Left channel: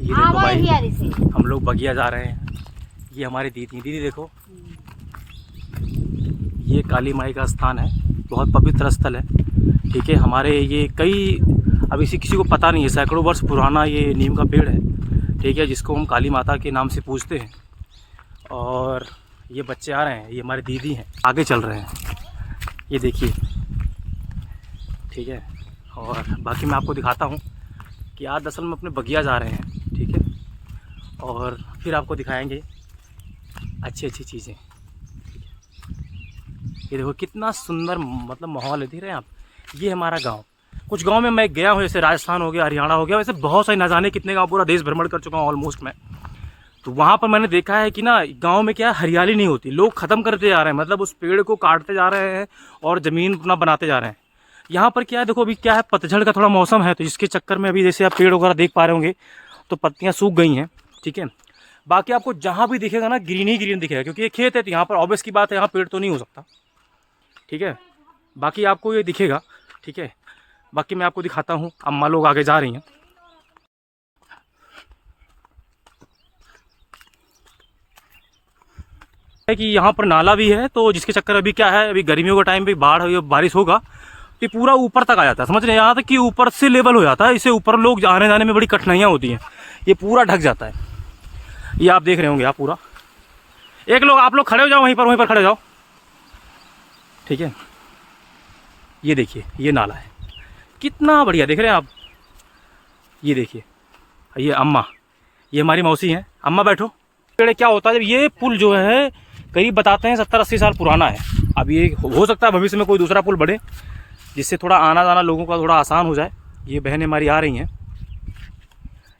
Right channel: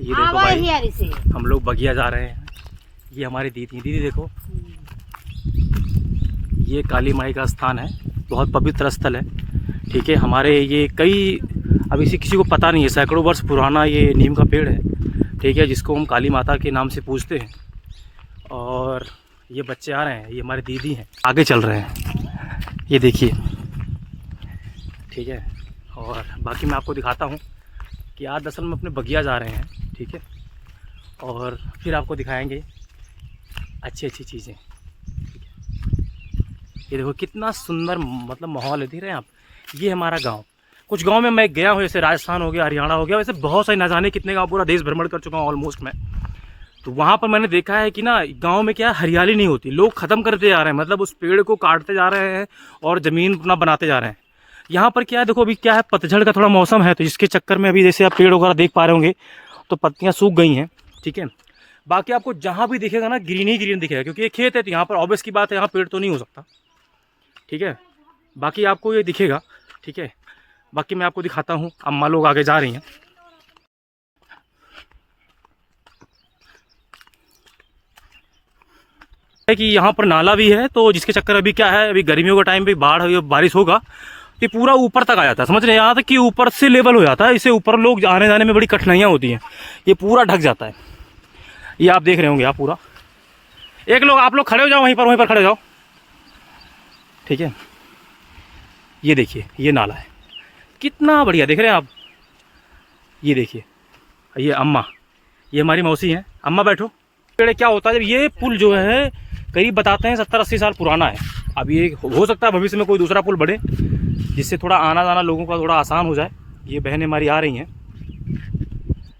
ये देखो भाई, हम लोग बगिया जा रहे हैं। ये हमारी दीदी देखो, ये काली माई का स्थान है, बहुत पवित्र स्थल है। ठीक है, हमारे ये कई, अब इसे किसी को पता नहीं है, सैकड़ों वर्ष पुराना ये नीम का पेड़ है। ठीक है, जिसको हम काली माता के नाम से पूजते हैं। और ये बच्चे आ रहे हैं, ये हमारे दीदी हैं, आगे चल रहे हैं, ये देखिए। ठीक है, और बाकी मैं आपको दिखाता हूँ कि आज दरअसल में अपने बगिया जा रहे हैं। ठीक है, और फिर आपको दिखाएंगे अच्छी अच्छी चीज़ें। ठीक है, ये देखो कितना सुंदर मतलब माहौल है, देख रहे हैं आप। ये हमारा गांव, कुछ गांव में मैं गया हूँ, जैसे राजस्थान हो गया, हरियाणा हो गया, वैसे बहुत सारे, न जाने कितने गांव, पूरा देश भ्रमण कर चुका हूँ ऑलमोस्ट मैं। तो वहाँ पर मैंने देखा है कि ना गांव में क्या हरियाली नहीं होती, लोग ख़त्म करते जा रहे हैं, मतलब उस पेड़ को काटते जा रहे हैं और ज़मीन अपना बनाते जा रहे हैं। यहाँ पर क्या है, देखो अभी क्या है, पतझड़ का थोड़ा मौसम है, तो जिसके चक्कर में अभी जैसे आप पेड़ वगैरह देख पा रहे होंगे तो पत्तियाँ सूख गई हैं। ठीक है, बाकी आपको जहाँ भी दिखेगा ना ग्रीन ही ग्रीन दिखेगा, क्योंकि ये खेत है, तो यहाँ पर ऑब्वियस की बात है, यहाँ पेड़ तो नहीं हो सकता। ठीक है, बाकी आपको ये दिखेगा। ठीक है, बाकी मैं आपको दिखाता हूँ, अम्मा लोग आगे जा रही हैं। कि यहाँ पर नाला भी है, तो जिसके चक्कर अभी क्या है, अभी गर्मियों का टाइम भी बाढ़ बारिश होगा, ये पूरा ऊपर तक आ जाता है, समझ रहे हैं, यहाँ तक कि ऊपर से लेवल हो जाता है। इससे ऊपर लोग आने जाने में बड़ी कठिनाइयाँ होती हैं, ये पूरा ढक जाता है। ये आप देख रहे होंगे, आप पूरा, एक लोग आप लोग खड़े हो जाओ, वहीं पर खड़े हो जाओ। ठीक है, ये देखिए, ये नाला है, कितना बढ़िया, देख रहे हैं आप। ये देखिए, ये अम्मा, ये हमारी मौसी हैं, अम्मा बैठो। पेड़ क्या होता है, जब ये पुल जो है करीब बताते हैं 70-80 साल पुराना है। अब ये हो सकता है भविष्य में कोई दूसरा पुल बढ़े, जिससे थोड़ा आना जाना लोगों का थोड़ा आसान हो जाए। ये बहनें हमारी आ रही हैं।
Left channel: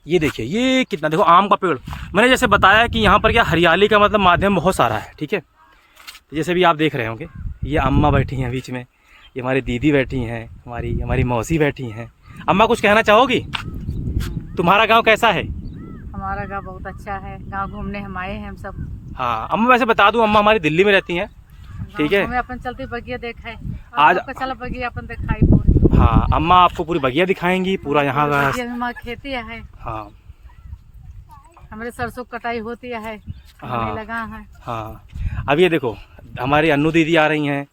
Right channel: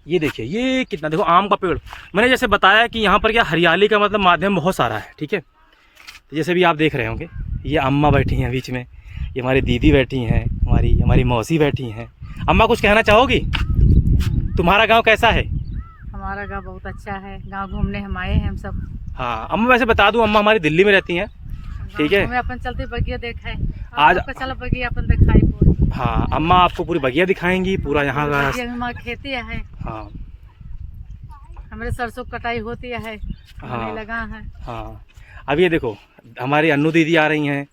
ये देखिए, ये कितना, देखो आम का पेड़, मैंने जैसे बताया कि यहाँ पर क्या हरियाली का मतलब माध्यम बहुत सारा है। ठीक है, तो जैसे भी आप देख रहे होंगे, ये अम्मा बैठी हैं बीच में, ये हमारी दीदी बैठी हैं, हमारी मौसी बैठी हैं। अम्मा कुछ कहना चाहोगी? तुम्हारा गाँव कैसा है? हमारा गाँव बहुत अच्छा है, गाँव घूमने हम आए हैं हम सब। हाँ अम्मा, वैसे बता दूं, अम्मा हमारी दिल्ली में रहती हैं। ठीक है, हमें अपन चलते बगिया देखा है, आज चल बगिया अपन दिखाई पूरी। हाँ, अम्मा आपको पूरी बगिया दिखाएंगी, पूरा यहाँ का। हमारी खेती है, हाँ, हमारे सरसों कटाई होती है, हाँ लगा है। हाँ, अब ये देखो, हमारी अन्नू दीदी आ रही हैं,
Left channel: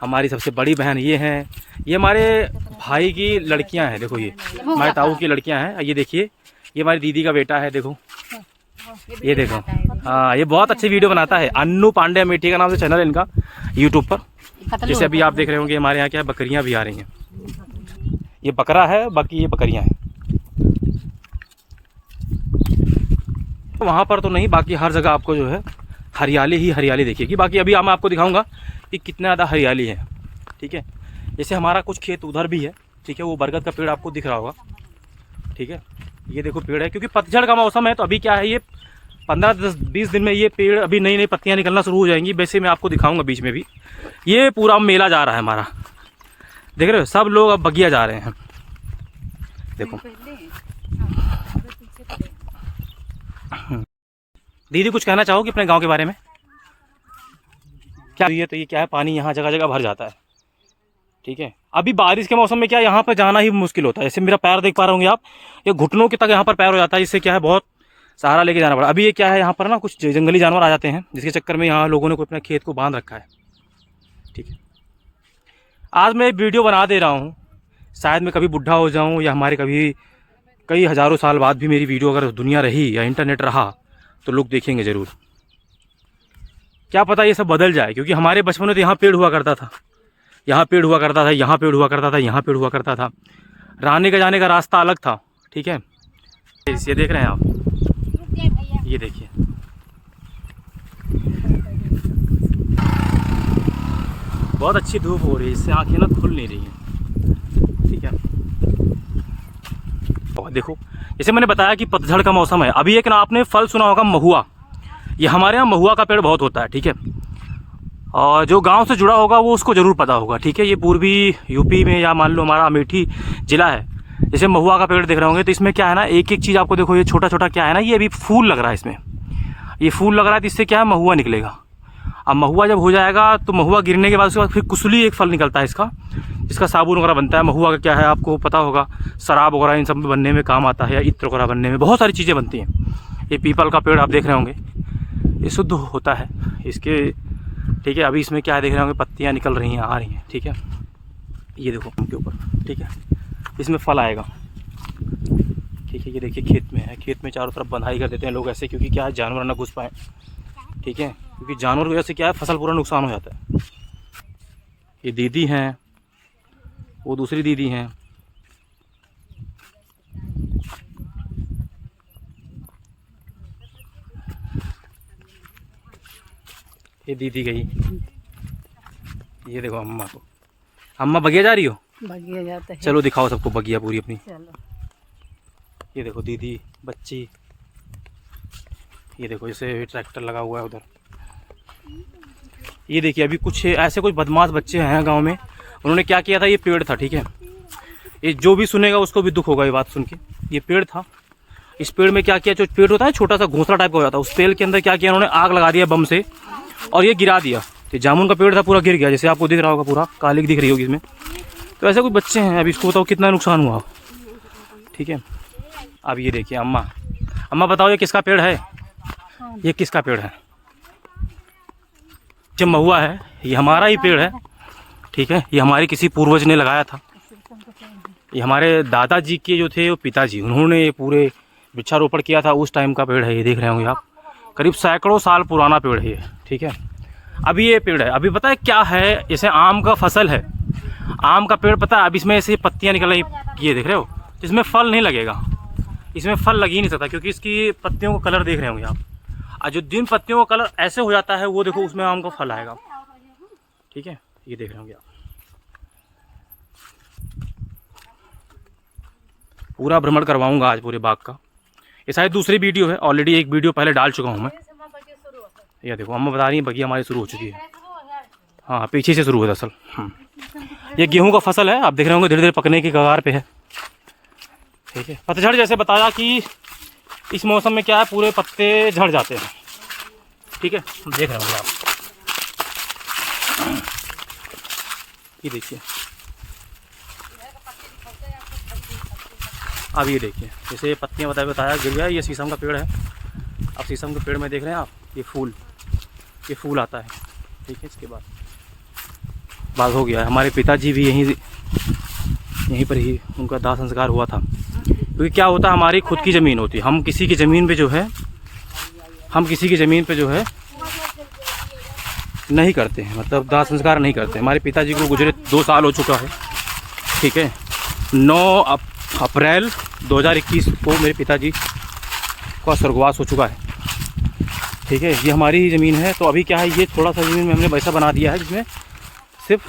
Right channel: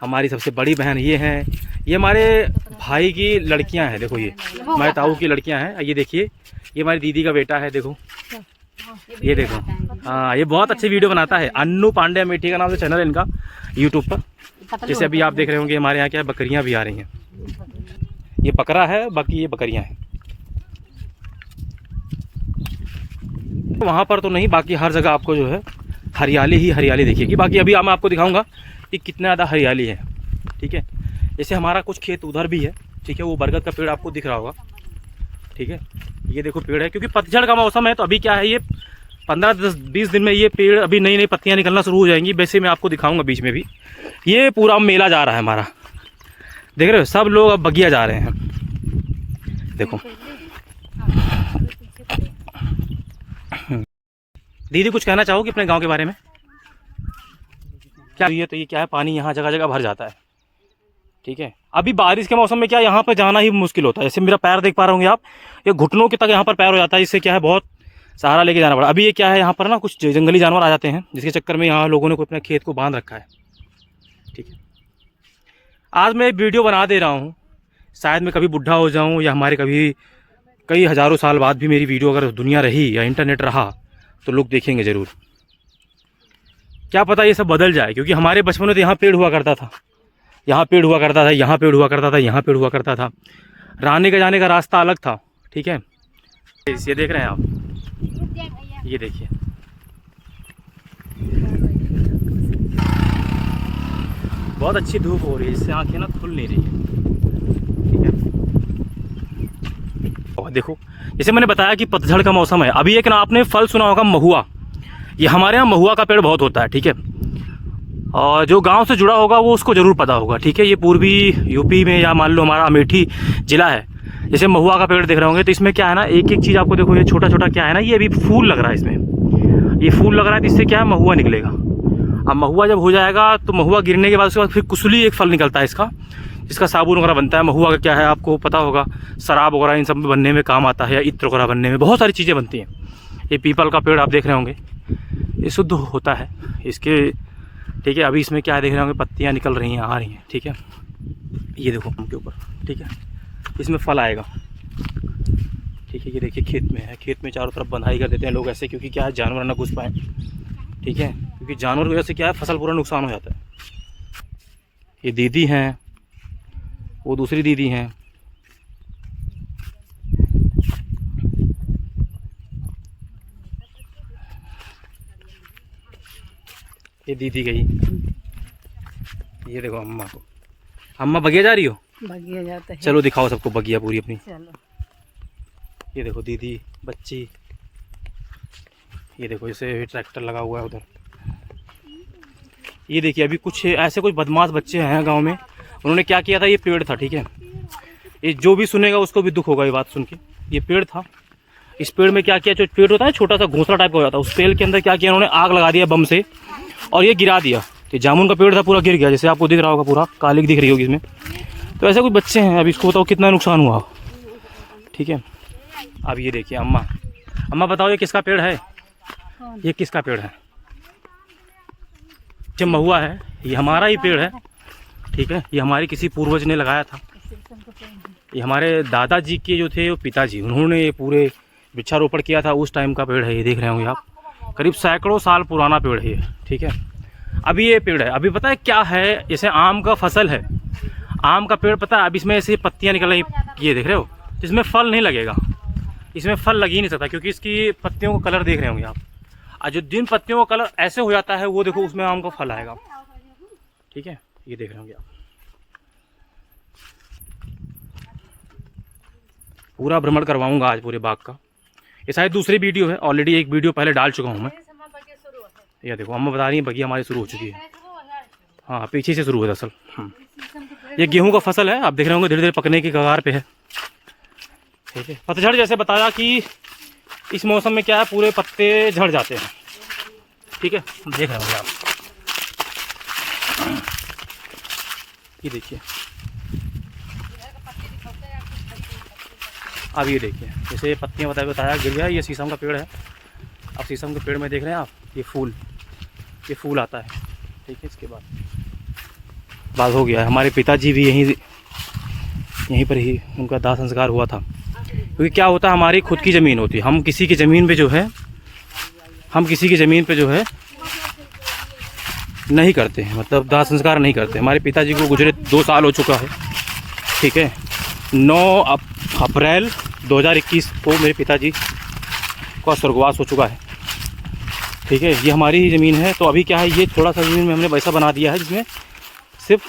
हमारी सबसे बड़ी बहन ये हैं, ये हमारे भाई की लड़कियां हैं। देखो, ये हमारे ताऊ की लड़कियां हैं। ये देखिए, ये हमारी दीदी का बेटा है, देखो, ये देखो। हाँ, ये बहुत अच्छी वीडियो बनाता है, अन्नू पांडे अमेठी का नाम से चैनल है इनका यूट्यूब पर। जैसे अभी आप देख रहे होंगे, हमारे यहाँ क्या है, बकरियाँ भी आ रही हैं। ये बकरा है, बाकी ये बकरियाँ हैं। वहाँ पर तो नहीं, बाकी हर जगह आपको जो है हरियाली ही हरियाली दिखेगी। बाकी अभी मैं आपको दिखाऊंगा कि कितना ज़्यादा हरियाली है। ठीक है, जैसे हमारा कुछ खेत उधर भी है। ठीक है, वो बरगद का पेड़ आपको दिख रहा होगा। ठीक है, ये देखो पेड़ है, क्योंकि पतझड़ का मौसम है, तो अभी क्या है, ये 15-20 दिन में ये पेड़ अभी नई नई पत्तियां निकलना शुरू हो जाएंगी। वैसे मैं आपको दिखाऊंगा बीच में भी, ये पूरा मेला जा रहा है हमारा, देख रहे हो, सब लोग अब बगिया जा रहे हैं। देखो दीदी, कुछ कहना चाहोगे अपने गांव के बारे में? क्या ये, तो ये क्या है, पानी यहाँ जगह जगह भर जाता है। ठीक है, अभी बारिश के मौसम में क्या यहाँ पर जाना ही मुश्किल होता है। जैसे मेरा पैर देख पा रहे होंगे आप, ये घुटनों के तक यहाँ पर पैर हो जाता है, इससे क्या है, बहुत सहारा लेके जाना पड़ा। अभी ये क्या है, यहाँ पर ना कुछ जंगली जानवर आ जाते हैं, जिसके चक्कर में यहाँ लोगों ने अपने खेत को बांध रखा है। ठीक है, आज मैं वीडियो बना दे रहा हूँ, शायद मैं कभी बुढ़ा हो जाऊँ, या हमारे कभी कई हज़ारों साल बाद भी मेरी वीडियो अगर दुनिया रही या इंटरनेट रहा तो लोग देखेंगे ज़रूर। क्या पता ये सब बदल जाए, क्योंकि हमारे बचपन में तो यहाँ पेड़ हुआ करता था, यहाँ पेड़ हुआ करता था, यहाँ पेड़ हुआ करता था, यहाँ पेड़ हुआ करता था। रहने का जाने का रास्ता अलग था। ठीक है, ये देख रहे हैं आप, ये देखिए, बहुत अच्छी धूप हो रही है, इससे आंखें ना खुल नहीं रही है। ठीक है, और देखो, जैसे मैंने बताया कि पतझड़ का मौसम है। अभी एक ना आपने फल सुना होगा, महुआ, ये हमारे यहाँ महुआ का पेड़ बहुत होता है। ठीक है, और जो गांव से जुड़ा होगा वो उसको ज़रूर पता होगा। ठीक है, ये पूर्वी यूपी में, या मान लो हमारा अमेठी ज़िला है, जैसे महुआ का पेड़ देख रहे होंगे, तो इसमें क्या है ना, एक एक चीज़ आपको देखो, ये छोटा छोटा क्या है ना, ये अभी फूल लग रहा है, इसमें ये फूल लग रहा है, तो इससे क्या है, महुआ निकलेगा। अब महुआ जब हो जाएगा तो महुआ गिरने के बाद उसके बाद फिर कुसुली एक फल निकलता है इसका, जिसका साबुन वगैरह बनता है। महुआ का क्या है आपको पता होगा, शराब वगैरह इन सब में बनने में काम आता है, या इत्र वगैरह बनने में बहुत सारी चीज़ें बनती हैं। ये पीपल का पेड़ आप देख रहे होंगे, ये शुद्ध होता है इसके, ठीक है। अभी इसमें क्या देख रहे होंगे, पत्तियाँ निकल रही हैं, आ रही हैं, ठीक है। ये देखो उनके ऊपर, ठीक है, इसमें फल आएगा, ठीक है। ये देखिए खेत में है, खेत में चारों तरफ बंधाई कर देते हैं लोग ऐसे, क्योंकि क्या है जानवर ना घुस पाए, ठीक है, क्योंकि जानवर की वजह से क्या है फसल पूरा नुकसान हो जाता है। ये दीदी हैं, वो दूसरी दीदी हैं, ये दीदी गई। ये देखो अम्मा को, अम्मा बगिया जा रही हो? बगिया जाते हैं। चलो दिखाओ सबको बगिया पूरी अपनी। चलो। ये देखो दीदी, बच्ची, ये देखो जैसे ट्रैक्टर लगा हुआ है उधर। ये देखिए अभी कुछ ऐसे कुछ बदमाश बच्चे हैं गांव में, उन्होंने क्या किया था, ये पेड़ था, ठीक है, ये जो भी सुनेगा उसको भी दुख होगा ये बात सुन के। ये पेड़ था, इस पेड़ में क्या किया, जो पेड़ होता है छोटा सा घोंसला टाइप का हो जाता है, उस पेड़ के अंदर क्या किया उन्होंने, आग लगा दिया बम से, और ये गिरा दिया। ये जामुन का पेड़ था, पूरा गिर गया, जैसे आपको दिख रहा होगा, पूरा कालिक दिख रही होगी इसमें। तो ऐसे कुछ बच्चे हैं, अभी इसको बताओ कितना नुकसान हुआ, ठीक है। अब ये देखिए अम्मा, अम्मा बताओ ये किसका पेड़ है? ये किसका पेड़ है? जो महुआ है ये हमारा ही पेड़ है, ठीक है। ये हमारे किसी पूर्वज ने लगाया था, ये हमारे दादाजी के जो थे वो पिताजी, उन्होंने ये पूरे वृक्षारोपण किया था, उस टाइम का पेड़ है। ये देख रहे होंगे आप, करीब सैकड़ों साल पुराना पेड़ है ये, ठीक है। अभी ये पेड़ है, अभी पता है क्या है, जैसे आम का फसल है, आम का पेड़ पता है, अब इसमें ऐसे पत्तियां निकल रही, ये देख रहे हो, इसमें फल नहीं लगेगा, इसमें फल लग ही नहीं सकता, क्योंकि इसकी पत्तियों का कलर देख रहे होंगे आप, और जो जिन पत्तियों का कलर ऐसे हो जाता है वो देखो उसमें आम का फल आएगा, ठीक है। ये देख रहे होंगे आप, पूरा भ्रमण करवाऊंगा आज पूरे बाग का। ये शायद दूसरी वीडियो है, ऑलरेडी एक वीडियो पहले डाल चुका हूँ मैं। ये देखो अम्मा बता रही है बगिया हमारी शुरू हो चुकी है, हाँ पीछे से शुरू है दरअसल। ये गेहूं का फसल है, आप देख रहे होंगे धीरे धीरे पकने की कगार पे है, ठीक है। पतझड़ जैसे बताया कि इस मौसम में क्या है, पूरे पत्ते झड़ जाते हैं, ठीक है, देख रहे होंगे आप। ये देखिए अब ये देखिए जैसे पत्तियां बताया गिर गया, ये शीशम का पेड़ है। अब शीशम के पेड़ में देख रहे हैं आप, ये फूल आता है, ठीक है। इसके बाद हो गया, हमारे पिताजी भी यहीं पर ही उनका दाह संस्कार हुआ था, क्योंकि क्या होता है हमारी खुद की ज़मीन होती है, हम किसी की ज़मीन पे जो है नहीं करते हैं, मतलब दाह संस्कार नहीं करते। हमारे पिताजी को गुजरे 2 साल हो चुका है, ठीक है। 9 अप्रैल 2021 को मेरे पिताजी का स्वर्गवास हो चुका है, ठीक है। ये हमारी ही ज़मीन है, तो अभी क्या है, ये थोड़ा सा ज़मीन में हमने वैसा बना दिया है जिसमें सिर्फ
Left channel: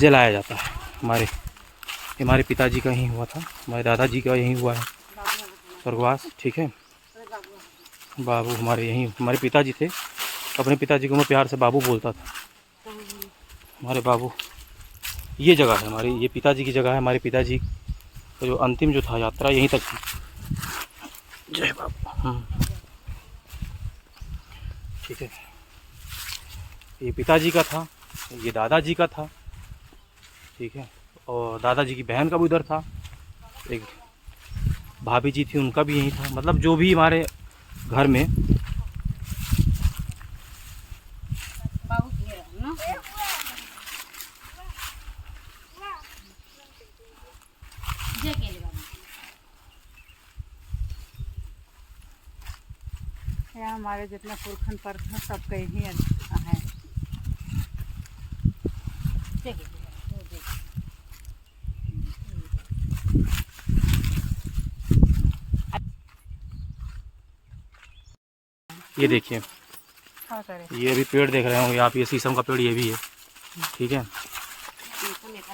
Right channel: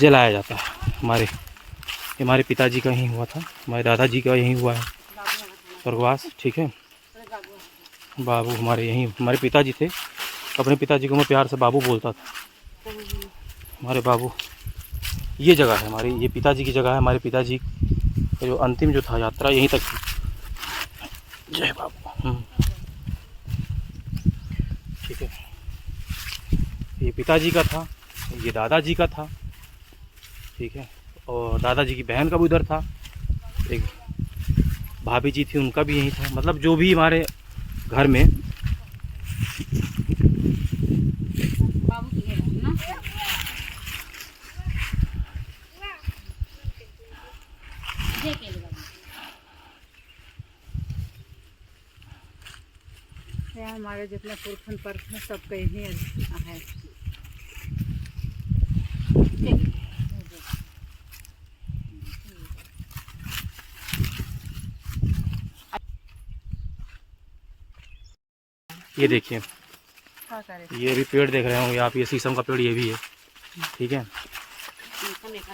जलाया जाता है। हमारे पिताजी का यहीं हुआ था, हमारे दादाजी का यहीं हुआ है स्वर्गवास, ठीक है। बाबू हमारे पिताजी थे, अपने पिताजी को मैं प्यार से बाबू बोलता था, हमारे बाबू। ये जगह है हमारी, ये पिताजी की जगह है, हमारे पिताजी का जो अंतिम जो था यात्रा यहीं तक थी। जय बाबू, ठीक है। ये पिताजी का था, ये दादाजी का था, ठीक है, और दादाजी की बहन का भी उधर था, एक भाभी जी थी उनका भी यहीं था, मतलब जो भी हमारे घर में यहाँ हमारे जितना पुरखन परखन सब कहीं है। ये देखिए, ये भी पेड़ देख रहे होंगे आप, ये शीशम का पेड़ ये भी है, ठीक है।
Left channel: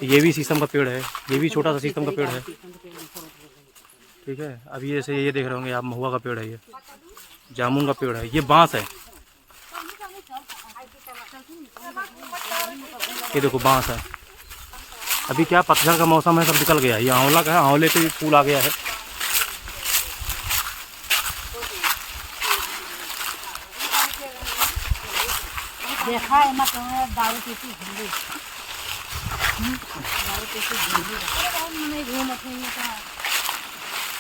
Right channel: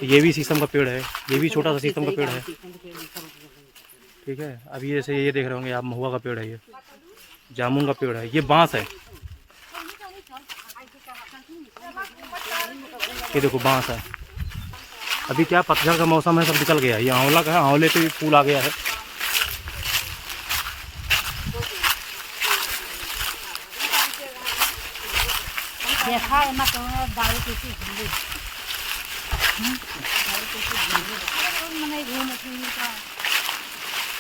ये भी शीशम का पेड़ है, ये भी छोटा सा शीशम का पेड़ है, ठीक है। अब ये से ये देख रहे होंगे आप, महुआ का पेड़ है, ये जामुन का पेड़ है, ये बांस है, ये देखो बांस है। अभी क्या पतझड़ का मौसम है, सब निकल गया है। ये आंवला का है, आंवले पे भी फूल आ गया है। देखा है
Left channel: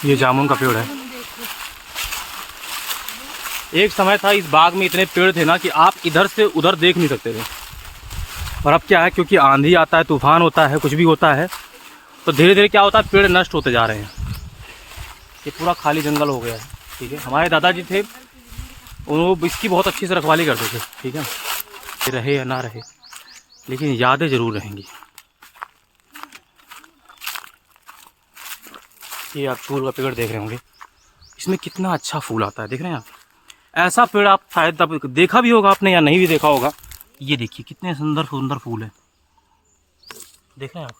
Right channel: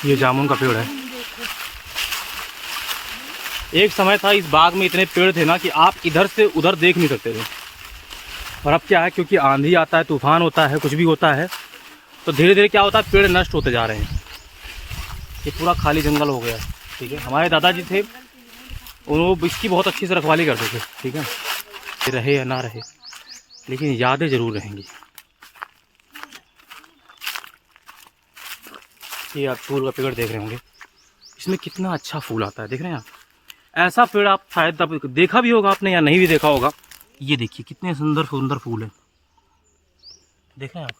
ये जामुन का पेड़ है। एक समय था इस बाग में इतने पेड़ थे ना कि आप इधर से उधर देख नहीं सकते थे। और अब क्या है, क्योंकि आंधी आता है, तूफान होता है, कुछ भी होता है, तो धीरे धीरे क्या होता है, पेड़ नष्ट होते जा रहे हैं। ये पूरा खाली जंगल हो गया है। ठीक है, हमारे दादाजी थे, वो इसकी बहुत अच्छी से रखवाली करते थे। ठीक है, ये रहे या ना रहे, लेकिन यादें ज़रूर रहेंगी। ये आप फूल का पेड़ देख रहे होंगे, इसमें कितना अच्छा फूल आता है, देख रहे हैं आप। ऐसा पेड़ आप शायद आप देखा भी होगा आपने या नहीं भी देखा होगा। ये देखिए कितने सुंदर सुंदर फूल है, देख रहे हैं आप।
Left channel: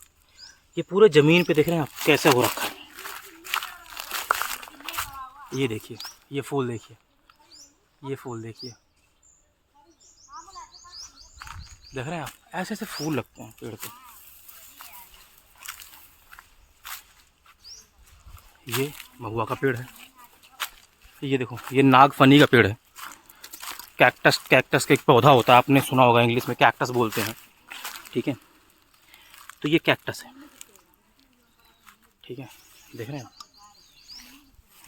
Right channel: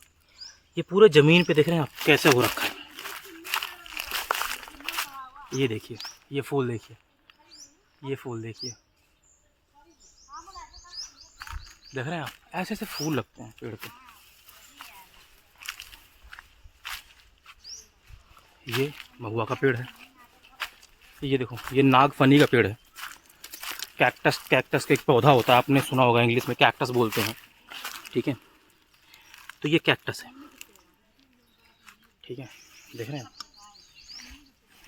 ये पूरे ज़मीन पे देख रहे हैं आप कैसे हो रखा है। ये देखिए, ये फूल देखिए, ये फूल देखिए, देख रहे हैं आप, ऐसे ऐसे फूल लगते हैं पेड़ पे। ये महुआ का पेड़ है। ये देखो, ये नागफनी का पेड़ है। कैक्टस, कैक्टस का एक पौधा होता है, आपने सुना होगा, इंग्लिश में कैक्टस बोलते हैं। ठीक है, तो ये कैक्टस है। ठीक है, देख रहे हैं,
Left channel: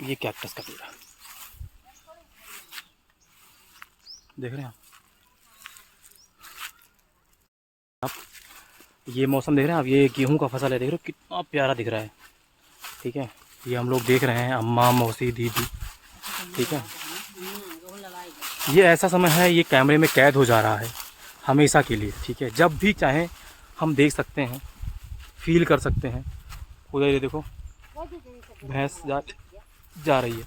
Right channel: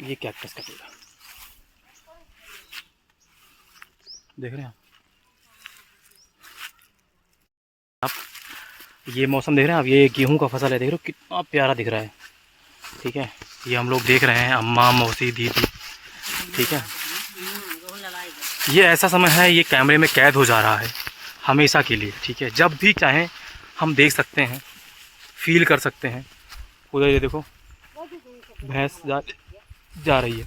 ये कैक्टस का पेड़ है, देख रहे हैं आप। ये मौसम देख रहे हैं आप, ये गेहूं का फसल है, देख रहे हो कितना प्यारा दिख रहा है। ठीक है, ये हम लोग देख रहे हैं, अम्मा, मौसी, दीदी। ठीक है, ये ऐसा समय है, ये कैमरे में कैद हो जा रहा है हमेशा के लिए। ठीक है, जब भी चाहें हम देख सकते हैं, फील कर सकते हैं। उधर ये देखो भैंस जा रही है।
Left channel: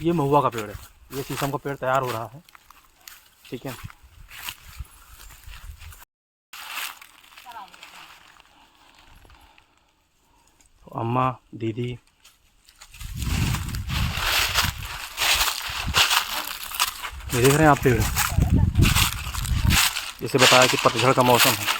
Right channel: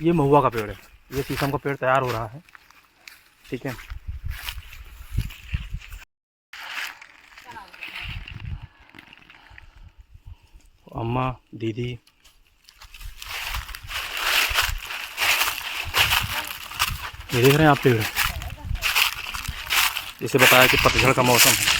ये महुआ का पेड़ है, ये शीशम का पेड़ तैयार हो रहा है। ठीक है, तो अम्मा, दीदी, ये देख रहे हैं आप पेड़, जैसे बताया कि पतझड़ का मौसम है।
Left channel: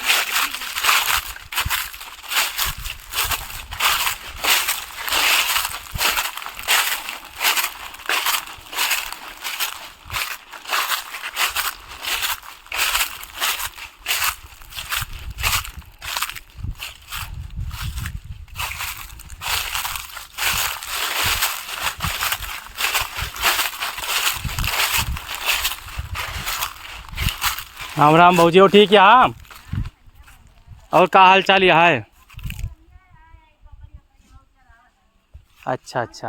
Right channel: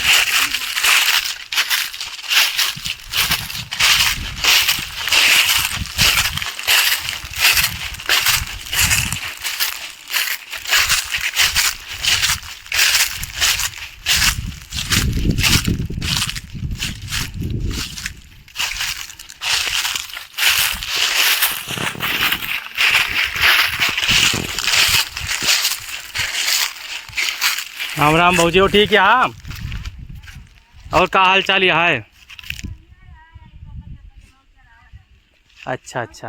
राम राम भाजी, हो ठीक है? हाँ, और का हाल चाल यहाँ है? अच्छा अच्छा,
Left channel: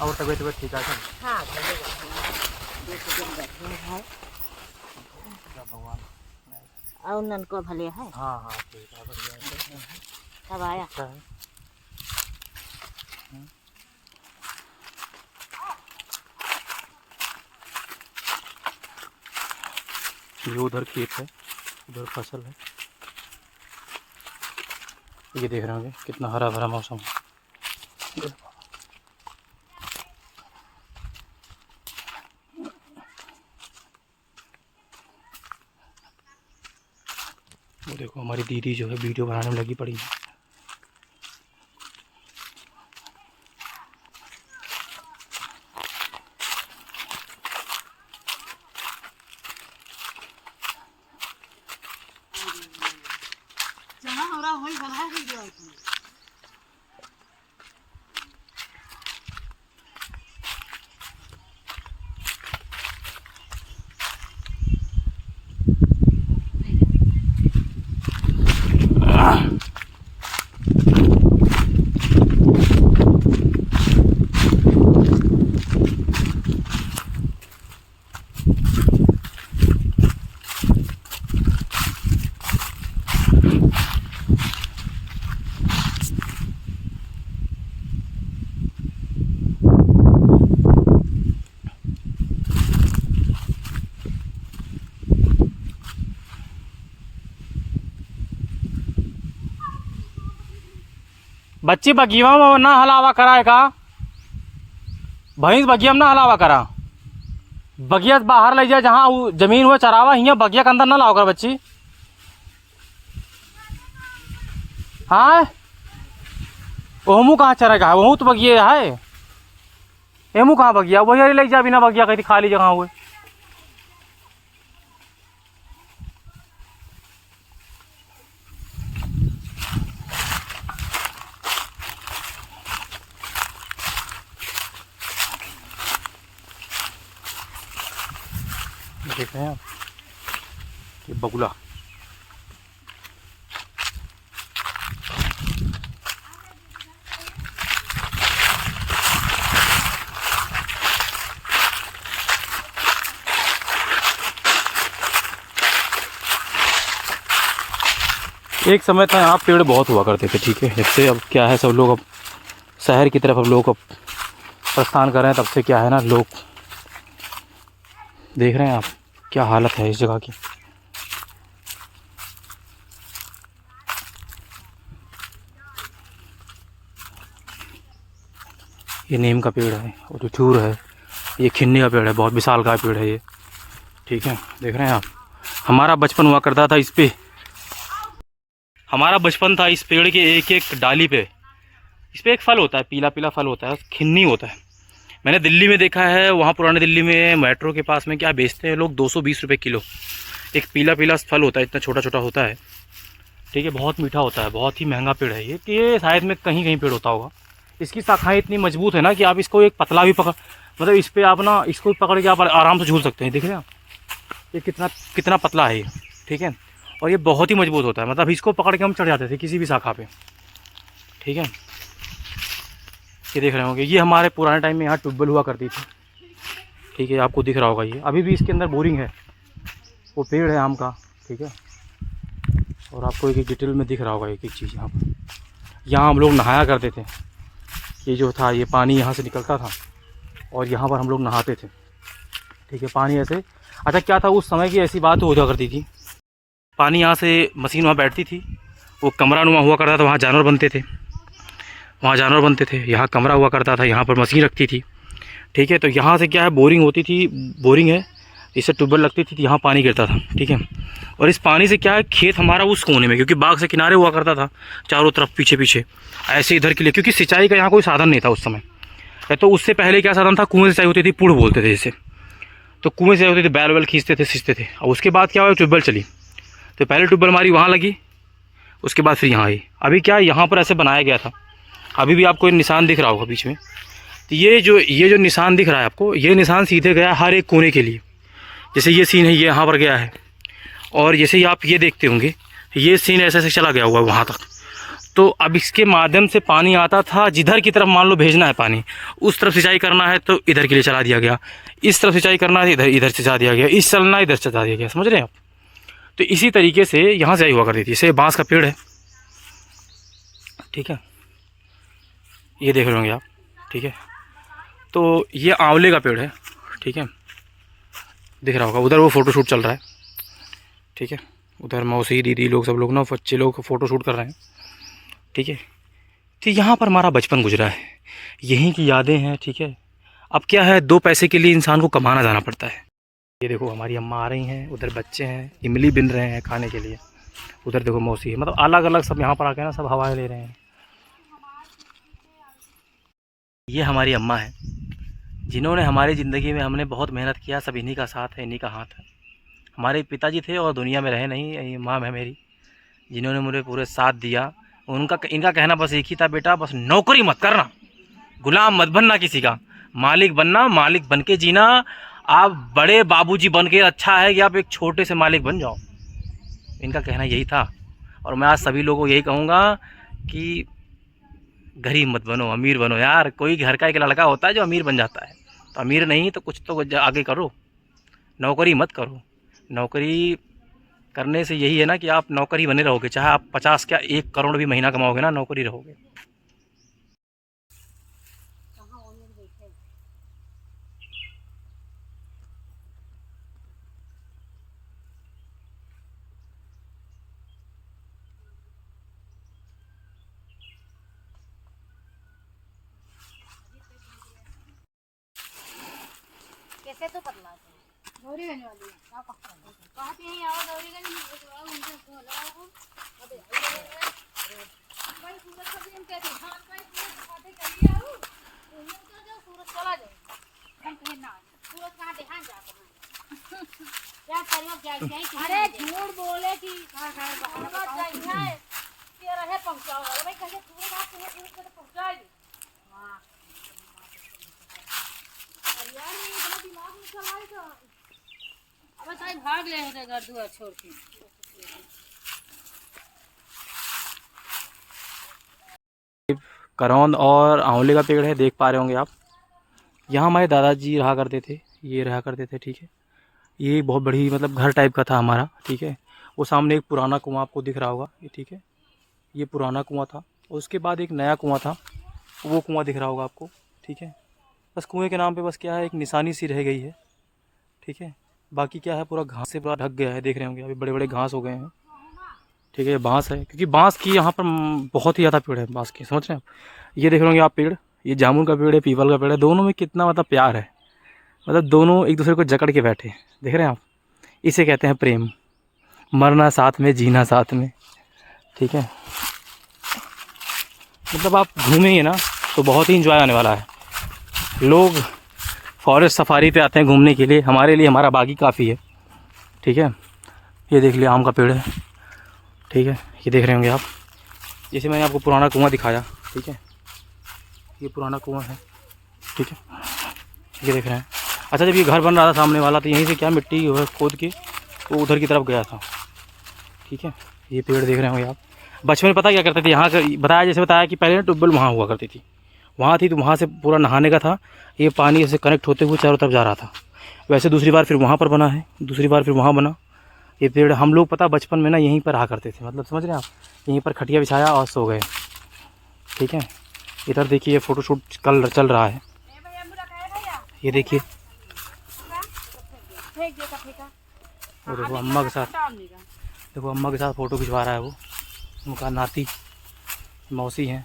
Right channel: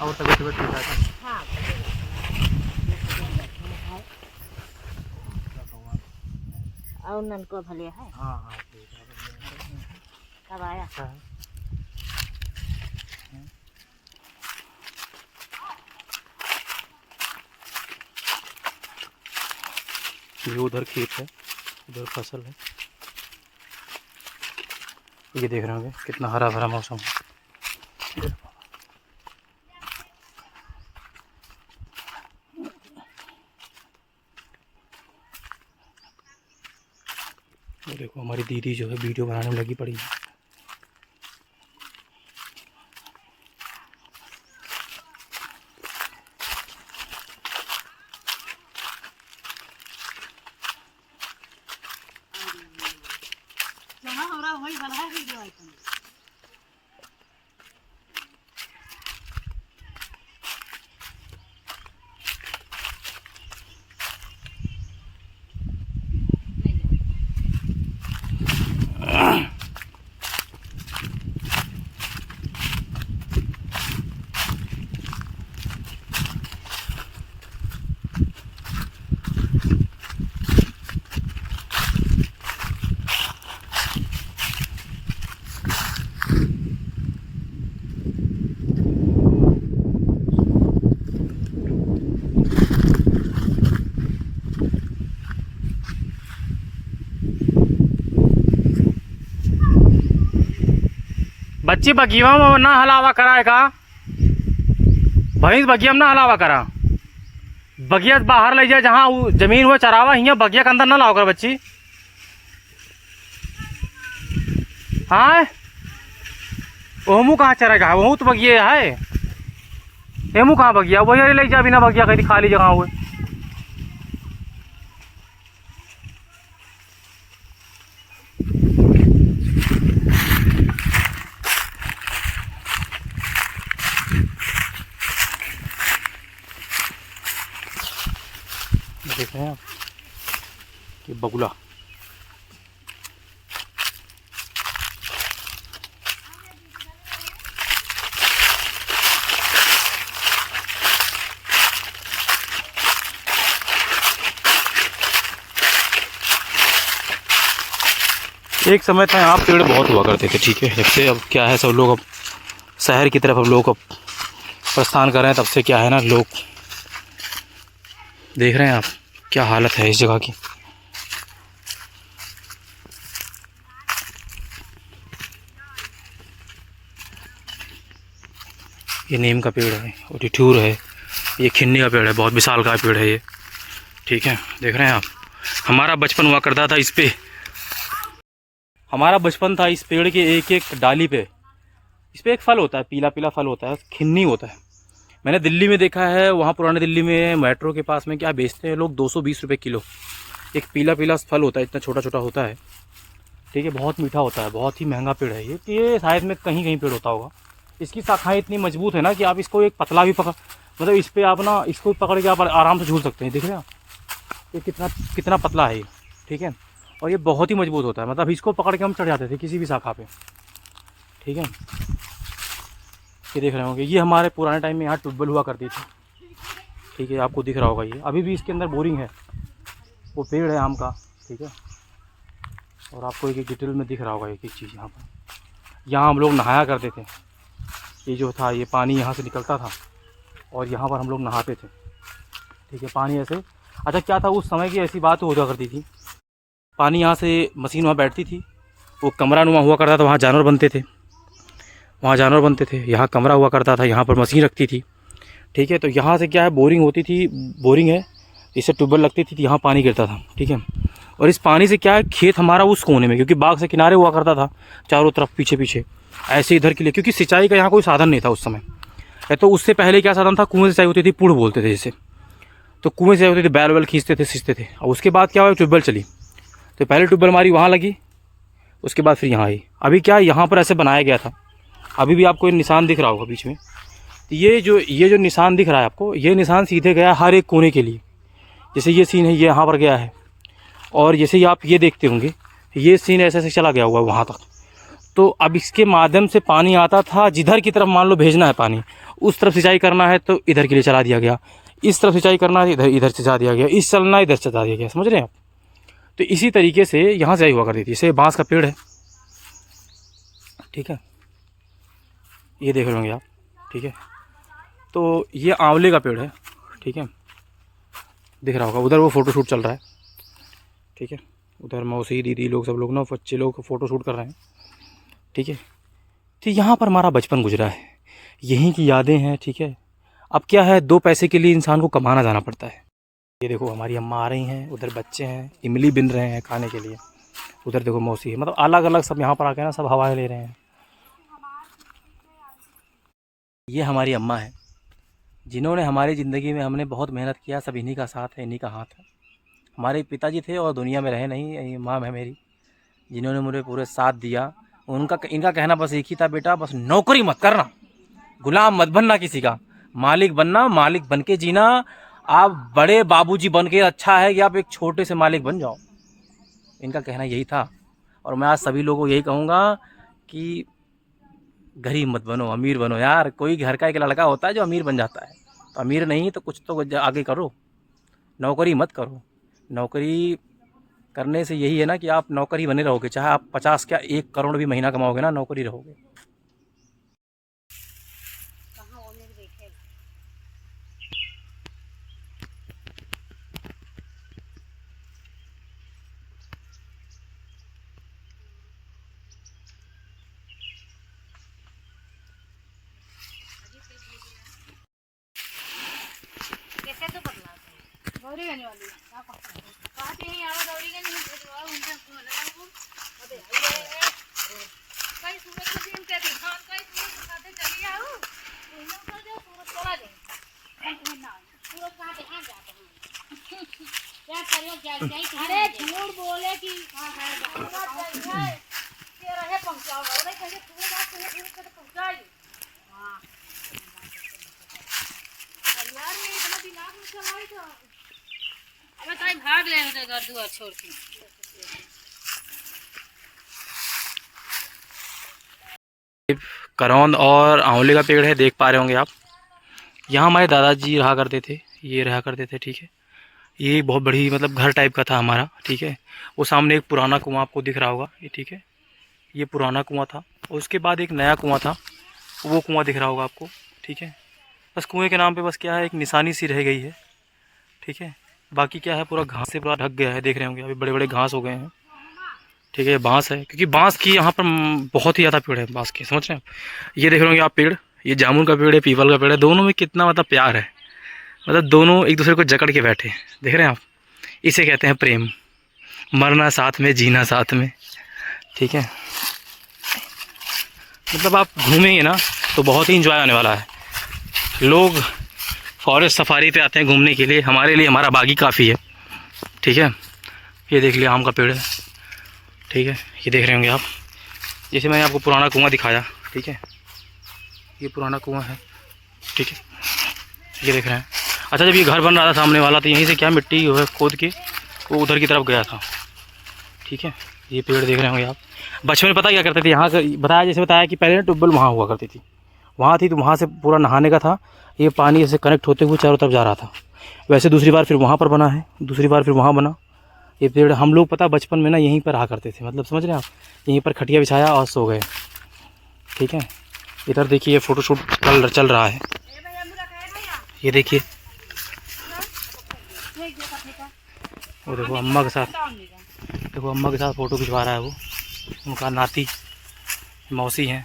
और तबीयत ठीक है? हाँ, और नन को भले है। हाँ हाँ ठीक है, बढ़िया। कब आया? अच्छा है। ये उधर खेत है, उधर फसल है। ये देख रहे होंगे कितना हरा भरा मौसम है। वो देखो हमारी दीदी जो है वीडियो बनाने में लगी पड़ी है। बच्ची बगिया में ना हलावा कराए का, भैंस बगिया में ना हलावा करा, बगिया बाहर ले जाए जहाँ जमीन हुआ चरावा, हियाँ बगिया के अंदर ना लाओ कर बच्ची। हाँ, ओहमू कहाँ चरेगा, वहू तो बगिया है। हेमू कहाँ भगिया, वही अरे लेके जा बिना भगिया कहीं खाली जगह हुए। देख रहे हैं आप ये बगुला। एक समय था यहाँ पेड़ बहुत हुआ करते थे, ठीक है। जब से अब क्या है, सब लोग अब शहर की तरफ अब लोग अब प्रस्थान कर रहे हैं, तब से क्या है ना, लोग देख रहे हैं आप क्या हालत है इस जगह की। ये नीम का पेड़ है और ये ठूर है, ये खिन्नी का पेड़ है, बहुत विशाल का पेड़ है ये, ठीक है। देख रहे हैं आप, हमारा बचपन हुआ करता था इस पे, हमारा बचपन था इस पेड़ के एक एक डाली पे। इस पे एक फल होता है, पीला पीला फल होता है, खिन्नी होता है। मैंने दिल्ली में देखा है, वहाँ पुराने दिल्ली में मेट्रो के पास में क्या बेचते हैं लोग, 220 रुपये किलो। एक पीला पीला फल होता है, इतना छोटा छोटा होता है, ठीक है। बहुत मीठा होता है, बहुत ही महंगा पेड़ है ये। ये शायद में कहीं कहीं पेड़ होता होगा। इसकी शाखाएँ इतनी मजबूत है ना कि आप इसको एक पतला भी पकड़, मतलब इस पर आप ना इसको पकड़ के आप आराम से झूल सकते हैं। देख रहे हैं आप ये कितना कितना पतला है ये, ठीक है। और ये बहुत ही मजबूत होता है, मतलब इसको पकड़ के हम चढ़ जाते थे किसी भी शाखा पे, ठीक है। ये देख रहे होंगे, ये हमारे पुराने टाइम में यहाँ ट्यूबवेल हुआ करती थी, ठीक है। आपको दिख रहा होगा ये, अभी भी इसके अंदर बोरिंग है, वो पेड़ है आम का, ठीक है। और आपको एक एक डिटेल में दिख रहा होगा एक एक चीज़। यहाँ पर, यहाँ हम लोग नहाया करते थे। ये जो था, ये पानी यहाँ से निकलता था और यहाँ पर हम लोग नहाते थे, ठीक है। पानी ऐसे, अच्छा क्या था उस समय की ऐसी बात हुआ करती थी, पानी यहाँ से मशीन वहाँ बैठती थी, वो कमरा नुमा हुआ करता था, वहाँ जानवर बनते थे, वहाँ जानवर बनते थे, यहाँ कमरा हुआ करता था, यहाँ पर मशीन रखती थी, ठीक है। तो यहाँ से क्या है, बोरिंग होती थी, बोरिंग है, इससे ट्यूबवेल लगती थी, यहाँ पानी गिरता था, ठीक है। और इस पानी से क्या है, खेत हमारा उस कोने में, क्योंकि बाग से किनारे हुआ करता था चारों तरफ पीछे पीछे ऐसे इधर के लिए, क्योंकि सिंचाई का यहाँ कोई साधन नहीं था उस समय। तो उससे पहले क्या साधन था, कुएँ से सिंचाई होती थी, पुड़ बोलते थे जैसे, तो कुएँ से होती थी, बैल वैल खींचते थे, सींचते थे। और उसके बाद क्या हुआ, ट्यूबवेल चली, तो पहले ट्यूबवेल हमारी वहाँ लगी, उसके बाद फिर यहाँ आई। अभी क्या यहाँ पर ऐसे बनाया गया था, अभी भी आपको निशान दिख रहा होगा बीच में। तो ये जो निशान दिख रहा है आपको, ये निशान सीधे गया हर एक कोने के लिए। जैसे ये सीन है, ये यहाँ पर गया है, और जैसे ही आप ये देखते होंगे, ये सीन ऐसे ऐसे चला गया हुआ वहाँ तक। तो अब इसके माध्यम से पानी आता था, जिधर की तरफ मान लो भेजना है पानी, उस तरफ सिंचाई करना है तो इधर के लिए चला दिया गया, इस तरफ सिंचाई करना है इधर से चला दिया गया, इस चलना इधर से चला दिया गया, समझ रहे हैं आप। तो इसी तरीके से यहाँ सिंचाई हुआ करती थी। जैसे बांस का पेड़ है, ठीक है, ये देख रहे होंगे आप, ठीक है। तो ये आंवले का पेड़ है, ठीक है, दिख रहा होगा। उधर वो फ़ोटोशूट चल रहा है, ठीक है, उधर मौसी दीदी लोग सब लोग ना, बच्चे लोग फ़ोटोशूट कर रहे हैं, ठीक है। तो यहाँ पर हमारा बचपन गुजरा है, यहीं की यादें हैं, ठीक है। अब क्या है, 2 पैसे के लिए इंसान को कमाना जाना पड़ता है। ये देखो हमारी अम्मा आ रही हैं, उधर बच्चे हैं, इमली बिन रहे हैं खाने के लिए, उधर देखो मौसी है, मतलब अलग अलग सब यहाँ पर आके ना सब हवाएं ले रहे हैं। ये हमारी अम्मा है, जिन्होंने हमारी ज़िंदगी में, हमने बहुत मेहनत किया, सब इन्हीं का साथ है, इन्हीं का हाथ है। हमारे पिताजी थे और दुनिया में रहे नहीं, ये माँ है मेरी, जिन्होंने मुझे पूरे साथ दिया। इनका कहना बस एक ही था, बेटा बस नौकरी मत करना, गुलाम मत बनना किसी का, मालिक बनना, मालिक बन के जीना। आप बड़े बाबूजी बन के अच्छा है कि आप एक छोटे से मालिक बन जाओ। इनका कहना यही था। और मैं आज सभी लोगों को यही कहूँगा कि गरीब मत बनो, अमीर बनो यार। कोई घर का एक लड़का होता है जो अमीर बन जाता है, तो अमीर नहीं तो कुछ तो आगे करो, नौकरी मत करो। नौकरी करने से यही है ना कि आप नौकरी बने रहोगे, चाहे आप 50 क्या 1 करोड़ भी महीना कमाओगे ना, नौकरी रहोगे। कैसे तो पतला गौरी गनी वाली का पकड़ कहते हैं आओ गौरी गनी में भेजवा उनका को लगाओ अबे भाई सूरज का दिन पे दिखान का सूरज दिखाते चली आओ उन्हों का जो सूरज चला जाए। अरे झूठ बोले कि रहे पहुंचाओ पहुंचाएगी। अब ताई भाग ले होते घर दुआर छोड़ के। करौंद और आंवले का पेड़ है, देख पा रहे होंगे आप। यहाँ हमारे दादाजी रहा करते थे, ये रहा करते थे, ठीक है। ये बहुत बड़ी मतलब घर टाइप का था हमारा, ठीक है। वो सामने एक पुराना कुआं आपको दिख रहा होगा, ये ठीक है। ये पुराना कुआं था और उसके बाद एक नया कुआं था, वो कुआं दिख रहा होगा आपको, ठीक है। बस कुएं के नाम पे बस क्या है, एक निशानी सी रह गई है, ठीक है। बाकी क्या है, पूरा घास से पूरा ढक गया है, देख रहे होंगे अभी बड़े बड़े घास हो गए हैं, ठीक है। ये बांस है, क्योंकि बांस की यहाँ पर बहुत ही ज़्यादा पेड़ है बांस के, समझ रहे हैं आप। ये देख रहे होंगे आप पेड़, ये जामुन का पेड़ है, पीपल का पेड़ है, दोनों में कितना मतलब प्यार है, मतलब दोनों एक दूसरे को जकड़ के बैठे, देख रहे हैं आप। इसे कहते हैं प्रेम, मरना साथ में, जीना साथ में, ठीक है। मतलब आप घूमेंगे ना तो बहुत ही इंजॉय आने वाला है। लोग फॉरेस्ट सफारी पे आते हैं घूमने के लिए, हमारे लिए हमारा बागी काफ़ी है, ठीक है। ये देख लिया आम का पेड़ है, ठीक है। ये देख रहे होंगे आप, जैसे मैंने आपको पुराना कुआं दिखाया, ठीक है। ये पुराना कुआं है, ठीक है, ये देख रहे हैं। अच्छा, जब ये घर बन रहा था सामने वाला, तो यहीं से क्या मिट्टी जो है खोद के वो उधर की तरफ गया था, ठीक है। ये पेड़ देख रहे होंगे आप। बचपन में पता क्या करते थे, यहाँ का बताया, जैसे बताया कि पहले ट्यूबवेल वहाँ हुआ करती थी, वहाँ थी, तो वहाँ से पूरा नहाने का था, ये पानी ऐसे कनेक्ट होते हुए चारों तरफ जा रहा था। वैसे दूसरी बार फिर वहाँ पर बना है, दूसरी बार फिर वहाँ बना। ये पेड़ हम लोग पता बचपन में ना यहीं पर रहा करते थे, मतलब समझ रहे हैं आप, यहीं पर खटिया बिछाया और सो गए, ठीक है। इधर देखिए ये फ़ोटोशूट चल रहा है, ये देखिए। वो देखो अम्मा के साथ, देखो अम्मा के साथ फ़ोटो खिंचवा रहा है वो, उनका नाती मौसी हैं,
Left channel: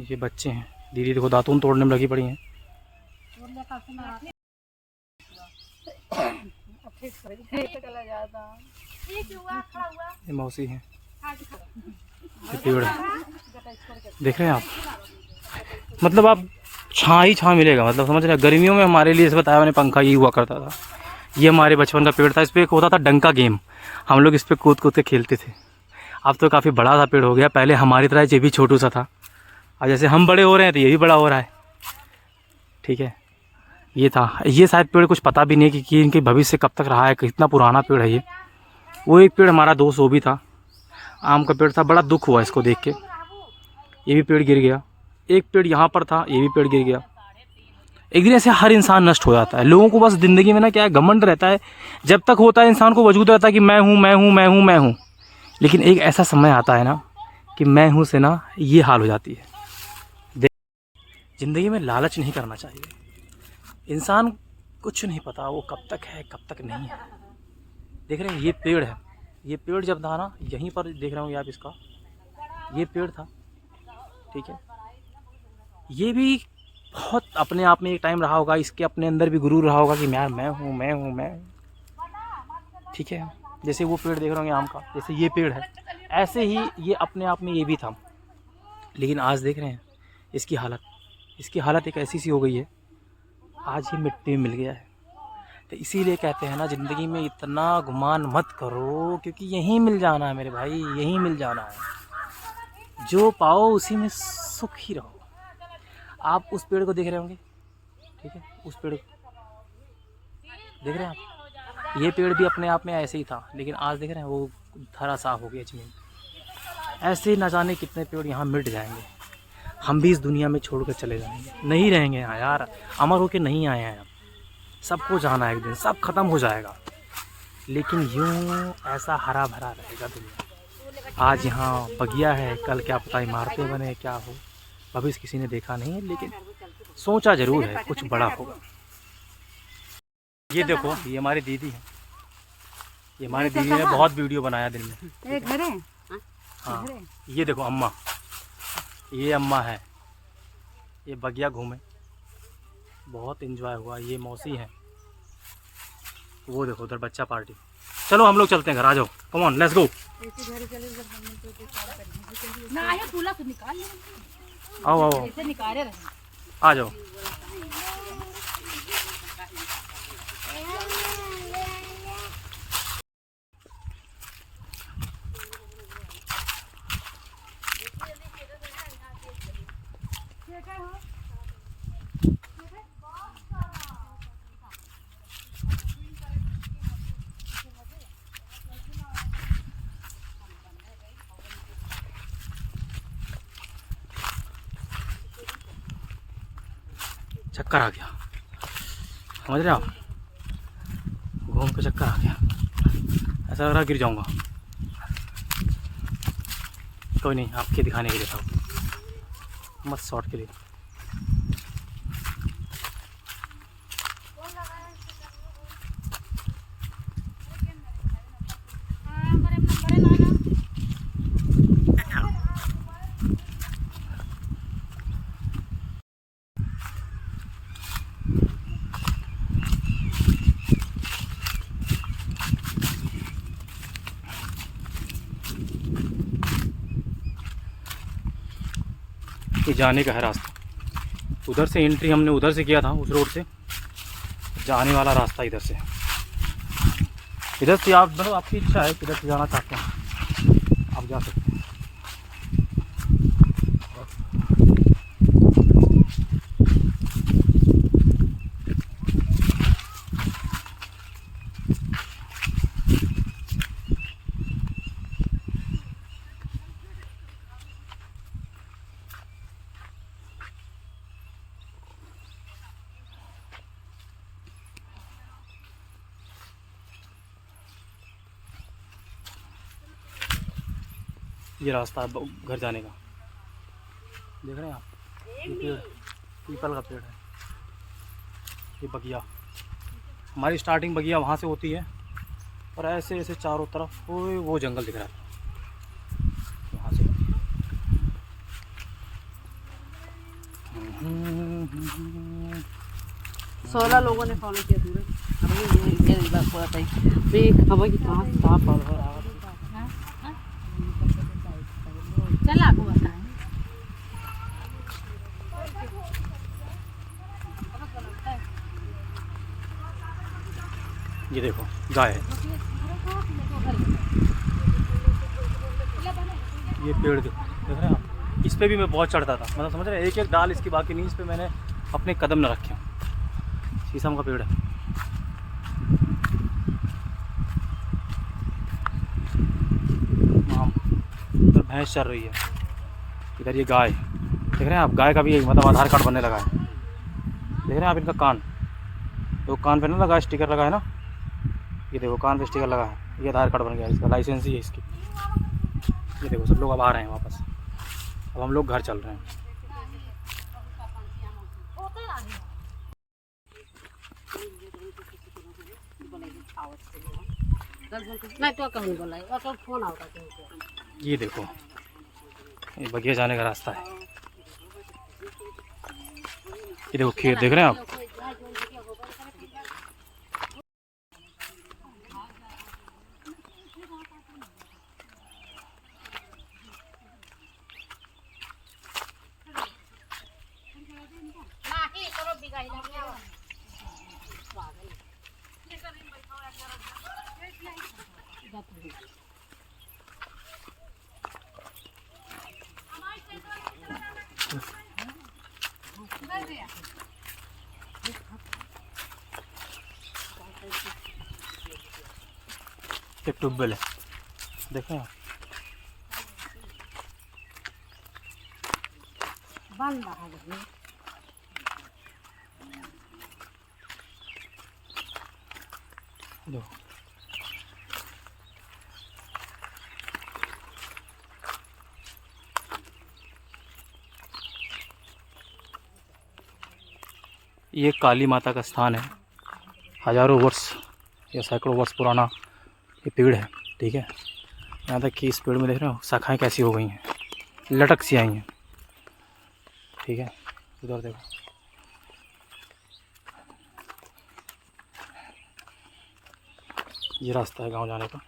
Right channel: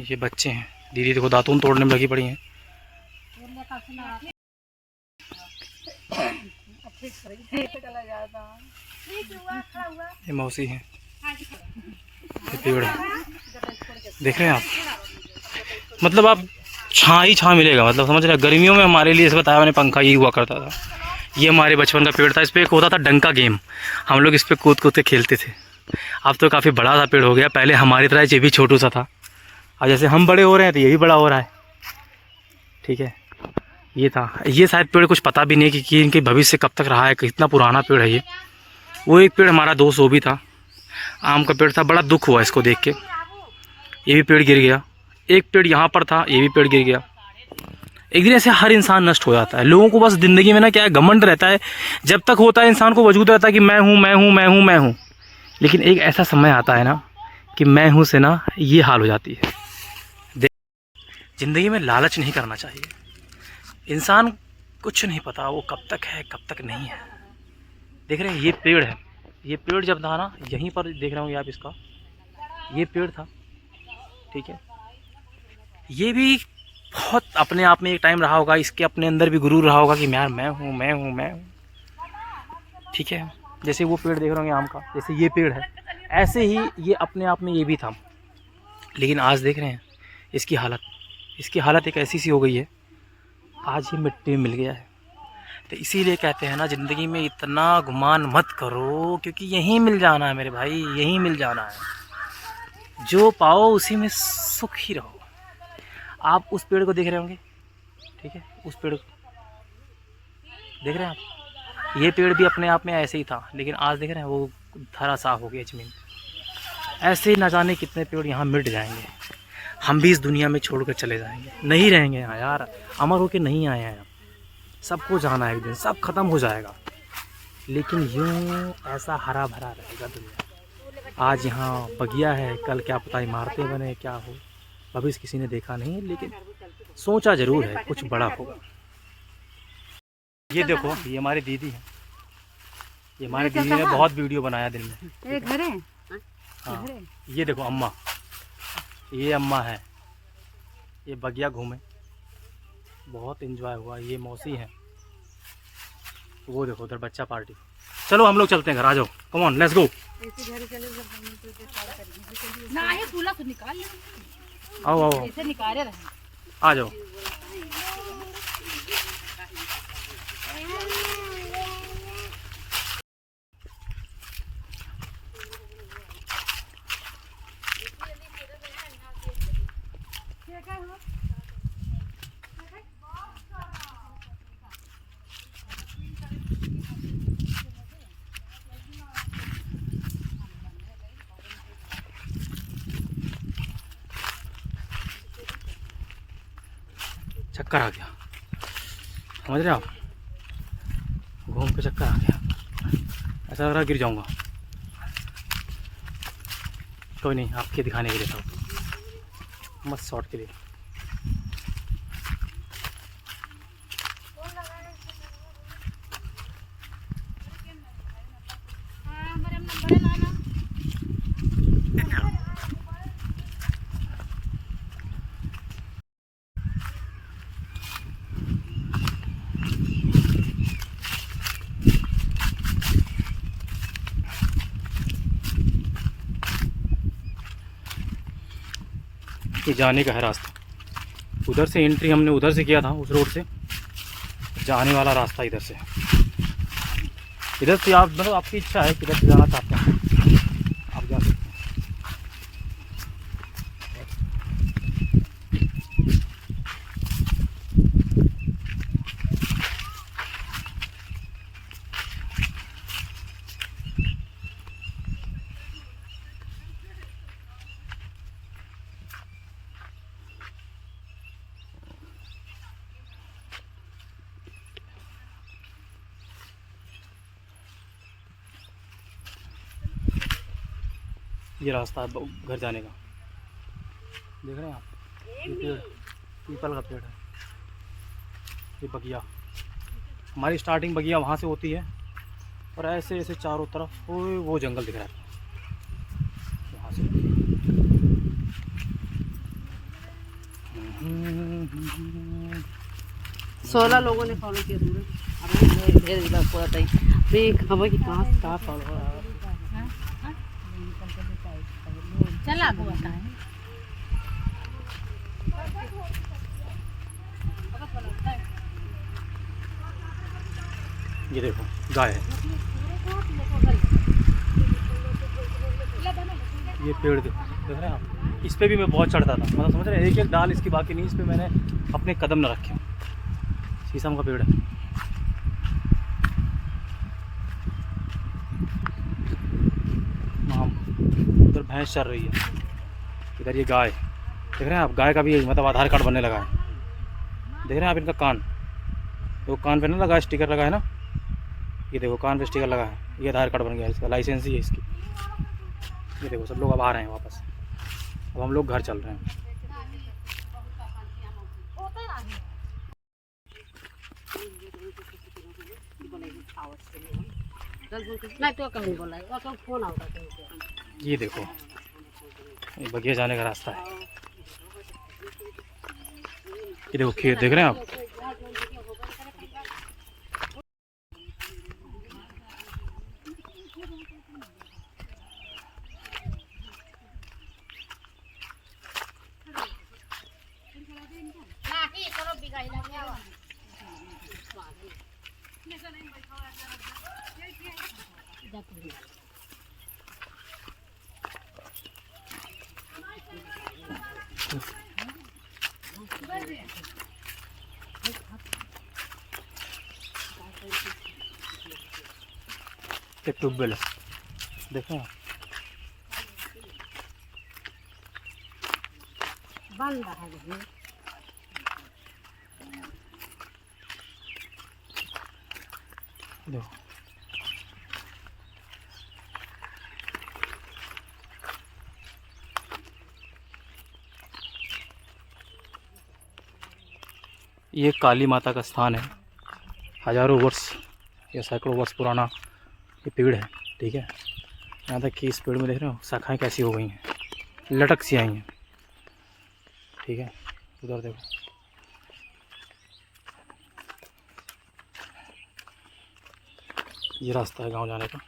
ये बच्चे हैं। दीदी देखो दातून तोड़ने में लगी पड़ी हैं। ये मौसी हैं, ये पेड़ है, देख रहे हैं आप। मतलब आप छाँ ही छाँ मिलेगा, मतलब समझ रहे हैं। गर्मियों में हमारे लिए, इसे बताया मैंने, पंखा ये हुआ करता था। ये हमारे बचपन का पेड़ था, इस पर एक होता था डंका गेम, हम लोग इस पर कूद कूद के खेलते थे। अब तो काफ़ी बड़ा सा पेड़ हो गया, पहले हमारी तरह ये भी छोटू सा था, और जैसे हम बड़े हो रहे हैं तो ये भी बड़ा हो रहा है, ठीक है। ये था, ये शायद पेड़ कुछ पता भी नहीं कि इनके भविष्य कब तक रहा है, कितना पुराना पेड़ है ये। वो एक पेड़ हमारा दोस्त वो भी था, आम का पेड़ था, बड़ा दुख हुआ इसको देख के। ये भी पेड़ गिर गया, एक पेड़ यहाँ पर था, ये भी पेड़ गिर गया। एक दिन ऐसे हर इंसान नष्ट हो जाता है। लोगों को बस ज़िंदगी में ना क्या है, घमंड रहता है, जब तक होता है इंसान को वजूद रहता है कि मैं हूँ मैं हूँ मैं हूँ मैं हूँ। लेकिन एक ऐसा समय आता है ना कि मैं हूँ से ना ये हाल हो जाती है। ज़िंदगी में लालच नहीं करना चाहिए। इंसान कुछ नहीं पता वो कब तक है कब तक नहीं है। देख रहे हैं ये पेड़ है, ये पेड़ जब था ना, यहीं पर देख रहे होंगे आप, इसका ये पेड़ था, ठीक है। ये भी बहुत अपने आप में एक टाइम रहा होगा, इसके अपने अंदर भी गुरूर रहा होगा कि यार मैं हूँ मैं हूँ मैं हूँ, ठीक है। जैसे वो पेड़ देख रहे होंगे आम का, जैसे ये पेड़ है, ऐसे ही ये अपने आप में ये भी था। लेकिन आज देख रहे हैं इसकी हालत एक ऐसी सी हो गई है, आज ये मिट्टी में मिल गया है। तो इसीलिए कहते हैं ना, ज़िंदगी में इतना गुमान मत करो, क्योंकि यहीं मिल जाना है मेरे भाई, यहीं मिल जाना है। जो पाओ उसी में सुख ही रहो। आप उस पेड़ को देख रहे होंगे, ठीक है, उस पेड़ को देख रहे हैं आप, ये पेड़ भी अपने आप में ऐसे ही था, लेकिन आज देख रहे हैं वो धरा साफ हो गया ज़मीन। ऐसे न जाने कितने पेड़ यहाँ मिट जाएंगे, हम भी इस दुनिया में छोड़कर चले जाएंगे, नहीं रहेंगे यहाँ यार, अमर होके नहीं आए हैं। सबको जाना है, एक दिन सब खत्म हो जाएगा, लेकिन यूँ ऐसा हरा भरा रहेगा दुनिया। आज यहाँ बगिया है, कल क्या पता इमारतें बने, क्या हो, भविष्य किसी ने देखा नहीं है, लेकिन सोचा ज़रूर है कुछ बड़ा होगा। ये देखो, ये हमारी दीदी है, ये हमारी दीदी ने बहुत वीडियो बनाया दिन में। हाँ, ये देखो अम्मा, ये अम्मा है, ये बगिया घूमे, बहुत एंजॉय हुआ। ये मौसी है, वो देखो उधर बच्चा पार्टी। चलो हम लोग चलते हैं घर, आ जाओ, कम ऑन लेट्स गो। आओ आओ आ जाओ। चक्कर आ गया, समझ रहे आप, घूम के चक्कर आ गया, ऐसा लग रहा गिर जाऊंगा। कोई नहीं, आपके दिखाने के लिए था, मस्त शॉट के लिए। हाँ बड़े बड़े लाना। ये जाने का है रास्ता, उधर से एंट्री हमने उधर से किया था, उस रोड से। जाने वाला रास्ता इधर से, इधर से आप मतलब आपकी इच्छा है किधर से जाना चाहते हैं आप जा सकते हैं। ये रास्ता है घर जाने का, देख रहे हैं आप, ये पेड़ पीपल का पेड़ है, ये बगिया, हमारी स्टार्टिंग बगिया वहाँ से होती है और ऐसे ऐसे चारों तरफ वो जंगल दिख रहा है वहाँ से। 16 लोगों ने फॉलो किया पूरा। अभी मेरे इधर पूरा था ये खबर की कहाँ से कहाँ फॉलो है। चल आपको बताएं। ये देखो गाय है, ये पेड़ देखो, देख रहे हैं आप, इस पे भी मैं बहुत चढ़ता था, मतलब समझ रहे हैं, एक एक डाल इसकी बाकी नहीं, इस पे मैंने अपने कदम न रखे। शीशम का पेड़ है, आम, उधर भैंस चल रही है, इधर ये गाय, देख रहे हैं आप, गाय का भी मतलब आधार कार्ड बनने लगा है। देख रहे हैं आप इनका कान, तो कान पे ना लगा स्टिकर लगा है ना, ये देखो कान पे स्टिकर लगा है, ये आधार कार्ड बन गया, इसका लाइसेंस ही है इसकी। ये देखो सब लोग अब आ रहे हैं वापस, अब हम लोग घर चल रहे हैं। मैं तो कहीं बोला है तो फोन आता है। ये देखो ये बगिया जाने का रास्ता है, ये देखो खेत देख रहे हैं आप, ये ट्यूबवेल है, देखें आप, बंद है। देखो ये काली माता का स्थान है, हजारों वर्ष या सैकड़ों वर्ष पुराना ये पेड़ है, ठीक है। यहाँ तक कि इस पेड़ में देख रहे हो शाखाएं कैसी हो गई हैं, लटक सी आई हैं, ठीक है। उधर देखो, ये रास्ता है गांव जाने का।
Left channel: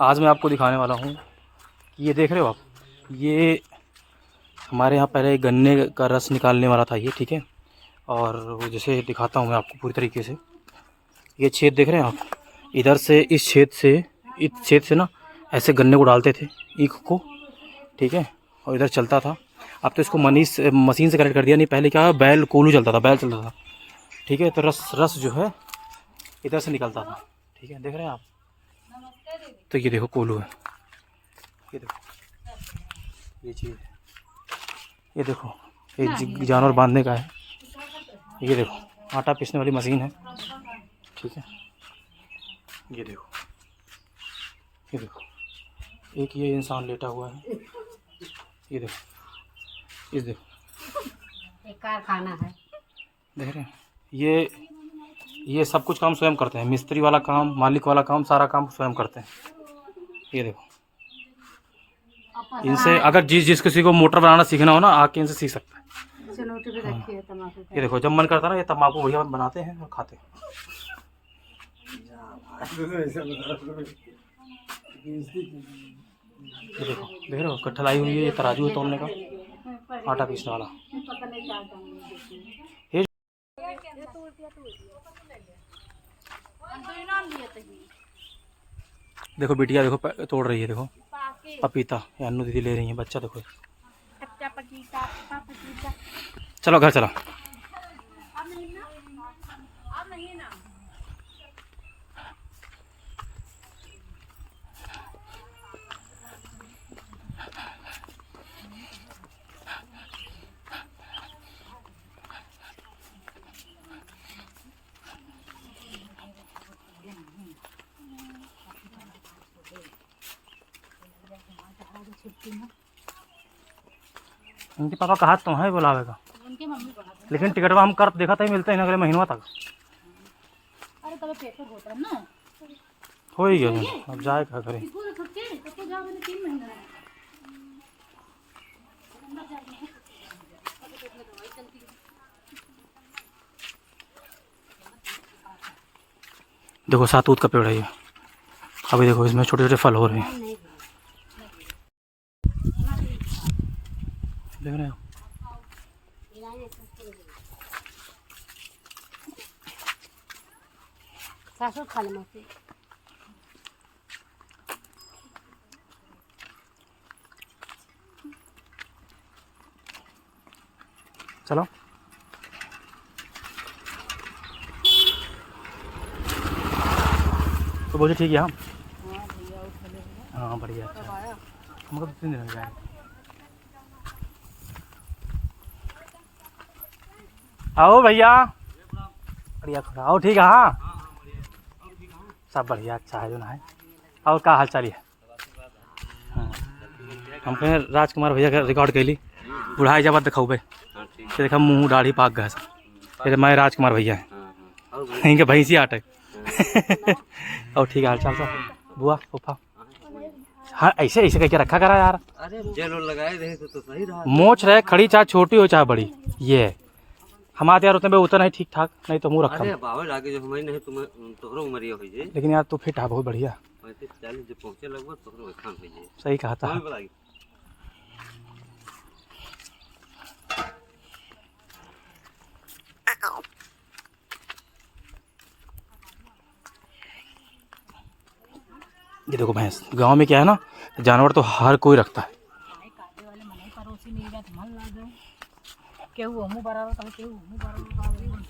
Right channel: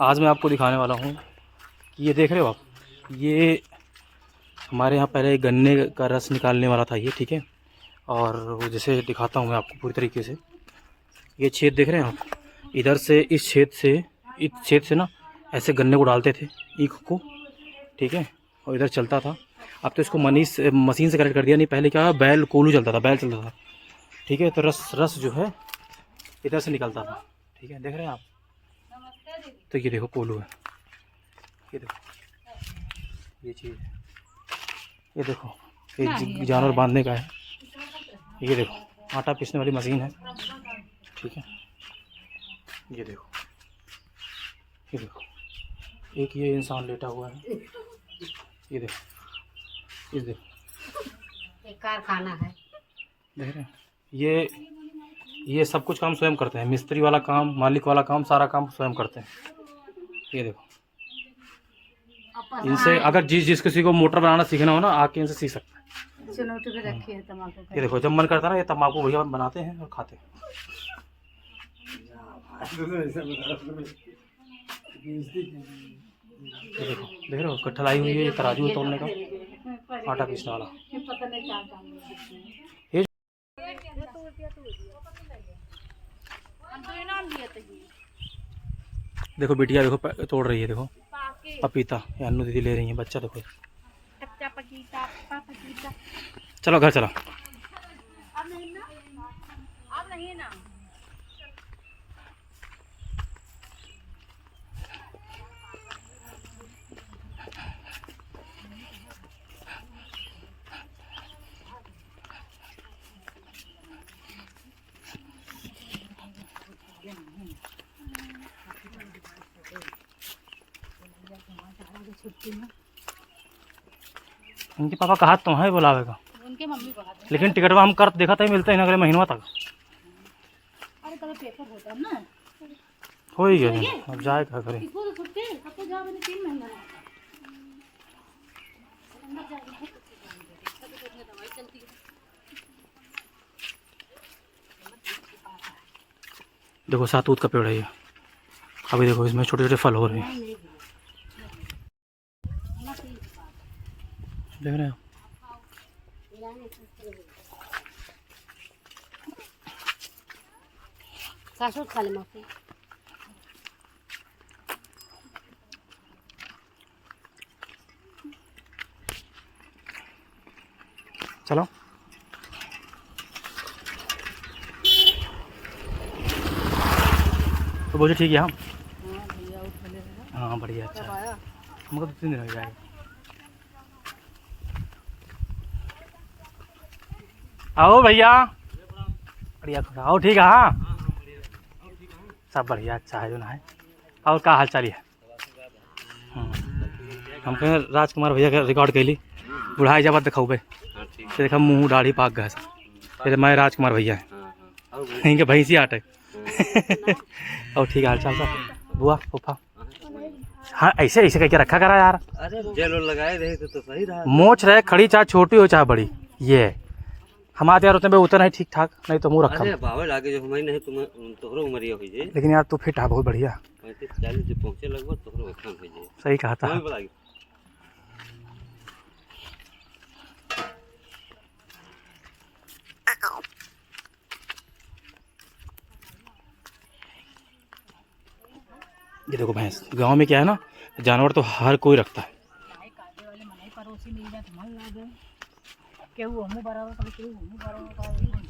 आज मैं आपको दिखाने वाला हूँ कि ये देख रहे हो आप, ये हमारे यहाँ पहले गन्ने का रस निकालने वाला था ये, ठीक है। और वो जैसे दिखाता हूँ मैं आपको पूरी तरीके से, ये छेद देख रहे हैं आप, इधर से इस छेद से ना ऐसे गन्ने को डालते थे ईख को, ठीक है। और इधर चलता था, अब तो इसको मशीन से कनेक्ट कर दिया, नहीं पहले क्या बैल कोलू चलता था, बैल चलता था, ठीक है। तो रस जो है इधर से निकलता था, ठीक है, देख रहे हैं आप। तो ये देखो कोलू है, ये देखो ये चीज़, ये देखो ये जानवर बांधने का है, ये देखो आटा पीसने वाली मशीन है, ठीक है। ये देखो, ये देखो, एक ये इंसान लेटा हुआ है, ये देखो, इस देखो एक कारखाना है, देख रहे हैं। ये सब कुछ काम स्वयं करते हैं, मिस्त्री वाला काम, मालिक वाला काम, सारा काम स्वयं करते हैं। ये देखो, इनसे अगर जिस किसी को मोटर बनाना सीखना हो ना, आके इनसे सीख सकता है। चनौटी पे रखी है तम्बाकू पे। ये देखो, जब मन करता है ना, ये तम्बाकू भैया बनाते हैं और खाते हैं। ये देखो, देख रहे हो कठलाई हुई है, ये तराजू है तोड़ने का, आटा पीसने वाला। ये देखो बिटिया देखो तोड़ रही है, देखो पपीता, ये अन्नू दीदी ले रही है, बच्चा देखो। चलो घर चलो। इनके पापा कहा तो है बुलावे का, उनके मम्मी को हाथ। लेकिन टिकट हम कर देखा था मिलते हैं अगले महीनों तक। अरे कल पेपर होता है ना, हो ही गया, अब जाए क्या करें। इसको तो सकते हैं, कब तो जाओ, मैंने 3 महीना है। देखो सातूत का पेड़ है ये, अभी देखो इसमें छोटे छोटे फल हो रहे हैं, देख रहे हो। सासू खा ले मौसी। चलो तो बोझे ठीक है। हाँ बढ़िया, अच्छा हमको 2-3 दिन हो जाएगा। आओ भैया, बढ़िया खुदा, आओ ठीक है। हाँ सब बढ़िया, अच्छा है जो ना है। और क्या हाल चाल है? हम कहें राजकुमार भैया का रिकॉर्ड कैली, बुढ़ाई जब दिखाऊ भाई, देखा मुँह दाढ़ी पाक गया सब। मैं राजकुमार भैया है, इनके भैंसी आटे। और ठीक है हाल चाल सब, बुआ फूफा। हाँ ऐसे ऐसे करके रखा करा यार। अरे जेल लगाए रहे तो सही रहा। मोच रहे खड़ी, चाहे छोटी हो चाहे बड़ी, ये है हमारे यार उतने उतना ही ठीक ठाक, नहीं तो मुँह रखा। अरे बाबा लागे जो हमारी नहीं तुम तोहरो उमरिया हो जाए, लेकिन यार तू फिट है बहुत बढ़िया। 35-40 जो पहुंचे लगभग तोहरो खान हो जाए। सही कहा था। कोई बुलाई ये देखो भैंस, गांव में क्या है ना, जानवर तो हर कोई रखता है। काटे वाले मनाई पड़ोसी मिल जाए तो मन लागे, केहू हमू बराबर करे, केहू हमू बराबर करे।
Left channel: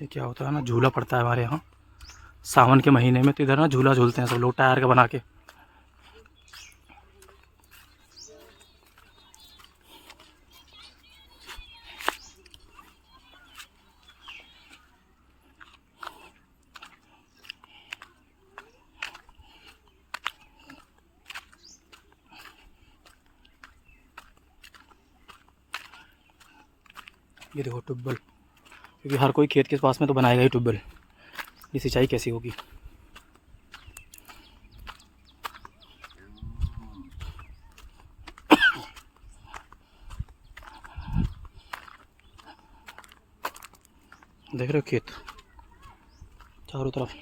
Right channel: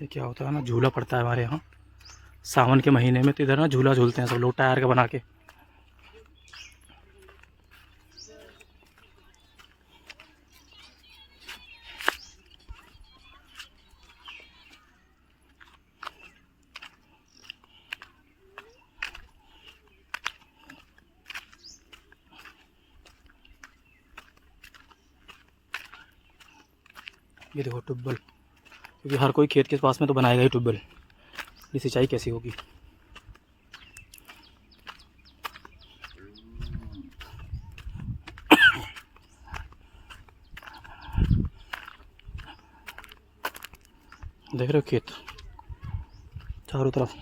ये क्या होता है ना, झूला पड़ता है हमारे यहाँ सावन के महीने में, तो इधर ना झूला झूलते हैं सब लोग टायर का बना के। ये देखो ट्यूबवेल, क्योंकि हर कोई खेत के पास में तो बनाएगा ही ट्यूबवेल, ये सिंचाई कैसी होगी। देख रहे हो खेत चारों तरफ।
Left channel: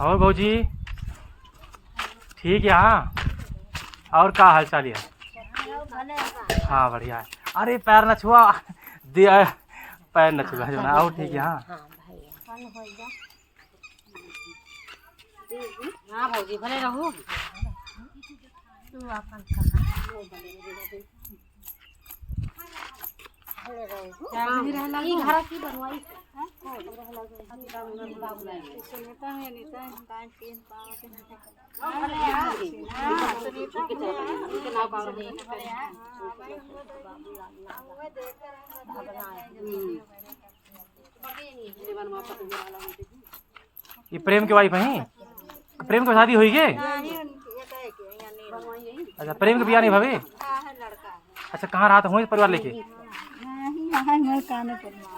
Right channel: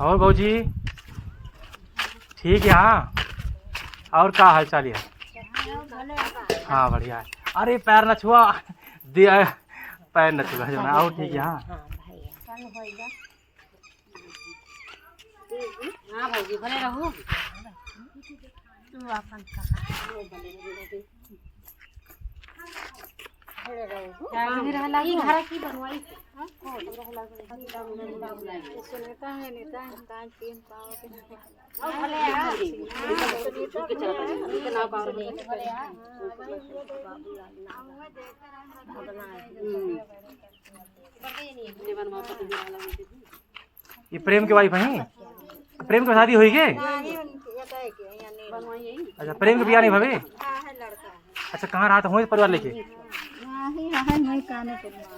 और भाजी ठीक है। हाँ, और क्या हाल चाल है? हाँ बढ़िया है। अरे पैर न छुआ दिया, पैर न छुआ जो ना। और ठीक है। हाँ हाँ भौजी भले रहू। ई घर की बनवाई सुनीता है, नीता है, कांच तीन पाव के ये प्रेम के वाइफ है? प्रेम की शादी हुई के? अच्छा, प्रेम के बिया नहीं भाभी? अच्छा, कहाँ रहा था? हुई परिवार लेके?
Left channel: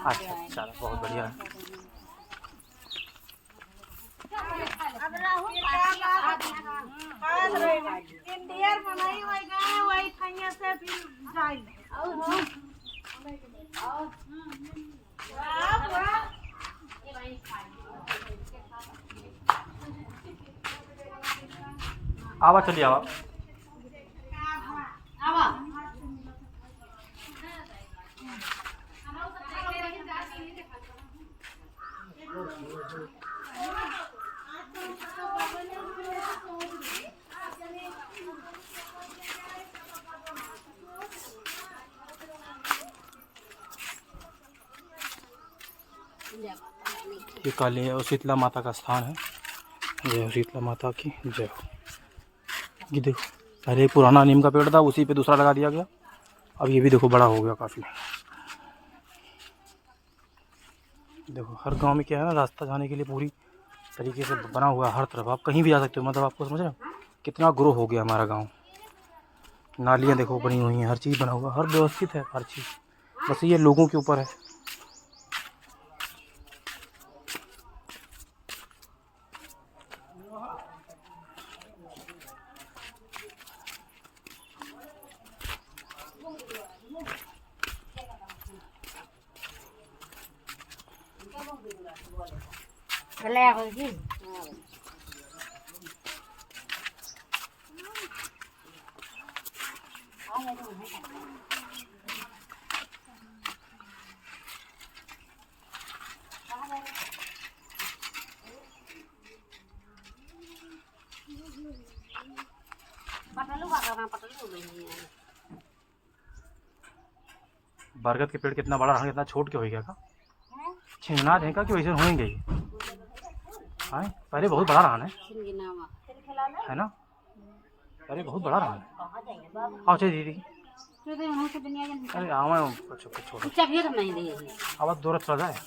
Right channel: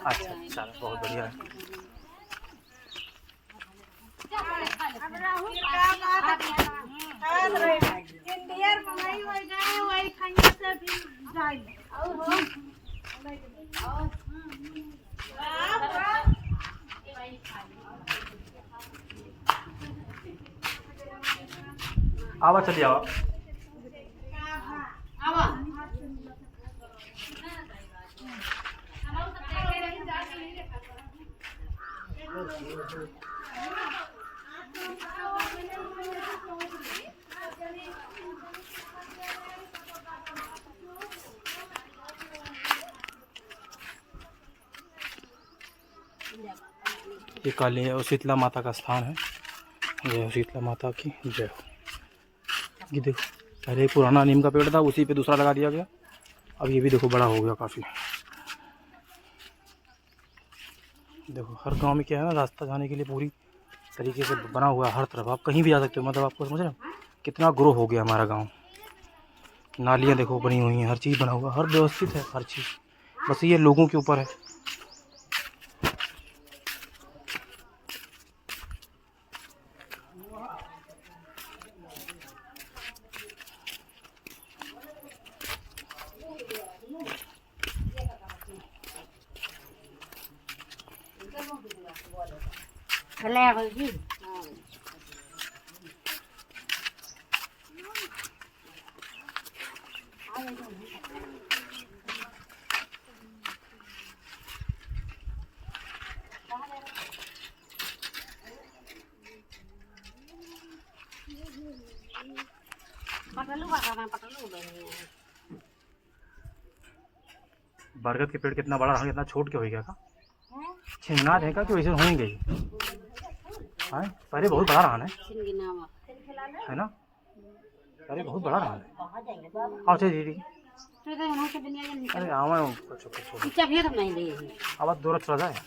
अच्छा अच्छा, बहुत बढ़िया है। आवा चलिए आवा। ये काली शीतला माता का स्थान है। जय हो शीतला माता की जय हो। ये देखो, पहले पुराना नीम का पेड़ था, उसी पे दूसरा लगा दिया गया। अब ये भी देखो बड़ा हो गया काफ़ी। देखो हर गांव में क्या है ना, रास्ता जाने के लिए पूरी तरीके से बना हुआ है हर तरफ। आप कहीं भी जा सकते हो। मतलब आपको समझ रहे हो कितना ग्रो हो गया हमारा गांव। नालियाँ देखो बनी हुई हैं, हर चीज़ बना हुआ, हर व्यवस्थित है हर चीज़। बस ये लोगों के ऊपर है। भले भौजी पटलू का करना, पटलू नहीं है। बरगद के पेड़ कितना बड़ा रहा, कितना छोट के हो गया का? छिंगना देगा कि वैसे होंगे ही? हाँ, पहले बहुत बड़ा रहा है ना? अरे बहुत बड़ा रहा है। आओ चलिए दीदी। अरे आवा नहीं दी आवाज दूर चला जाए।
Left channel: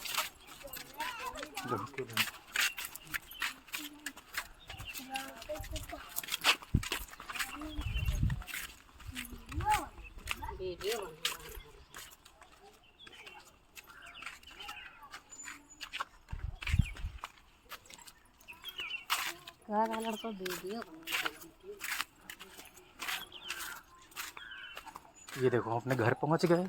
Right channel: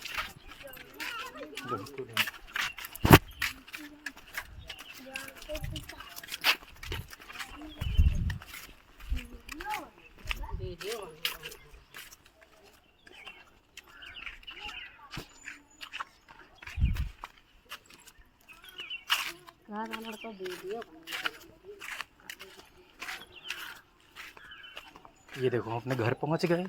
ये देखो अपने घर पहुंच गए।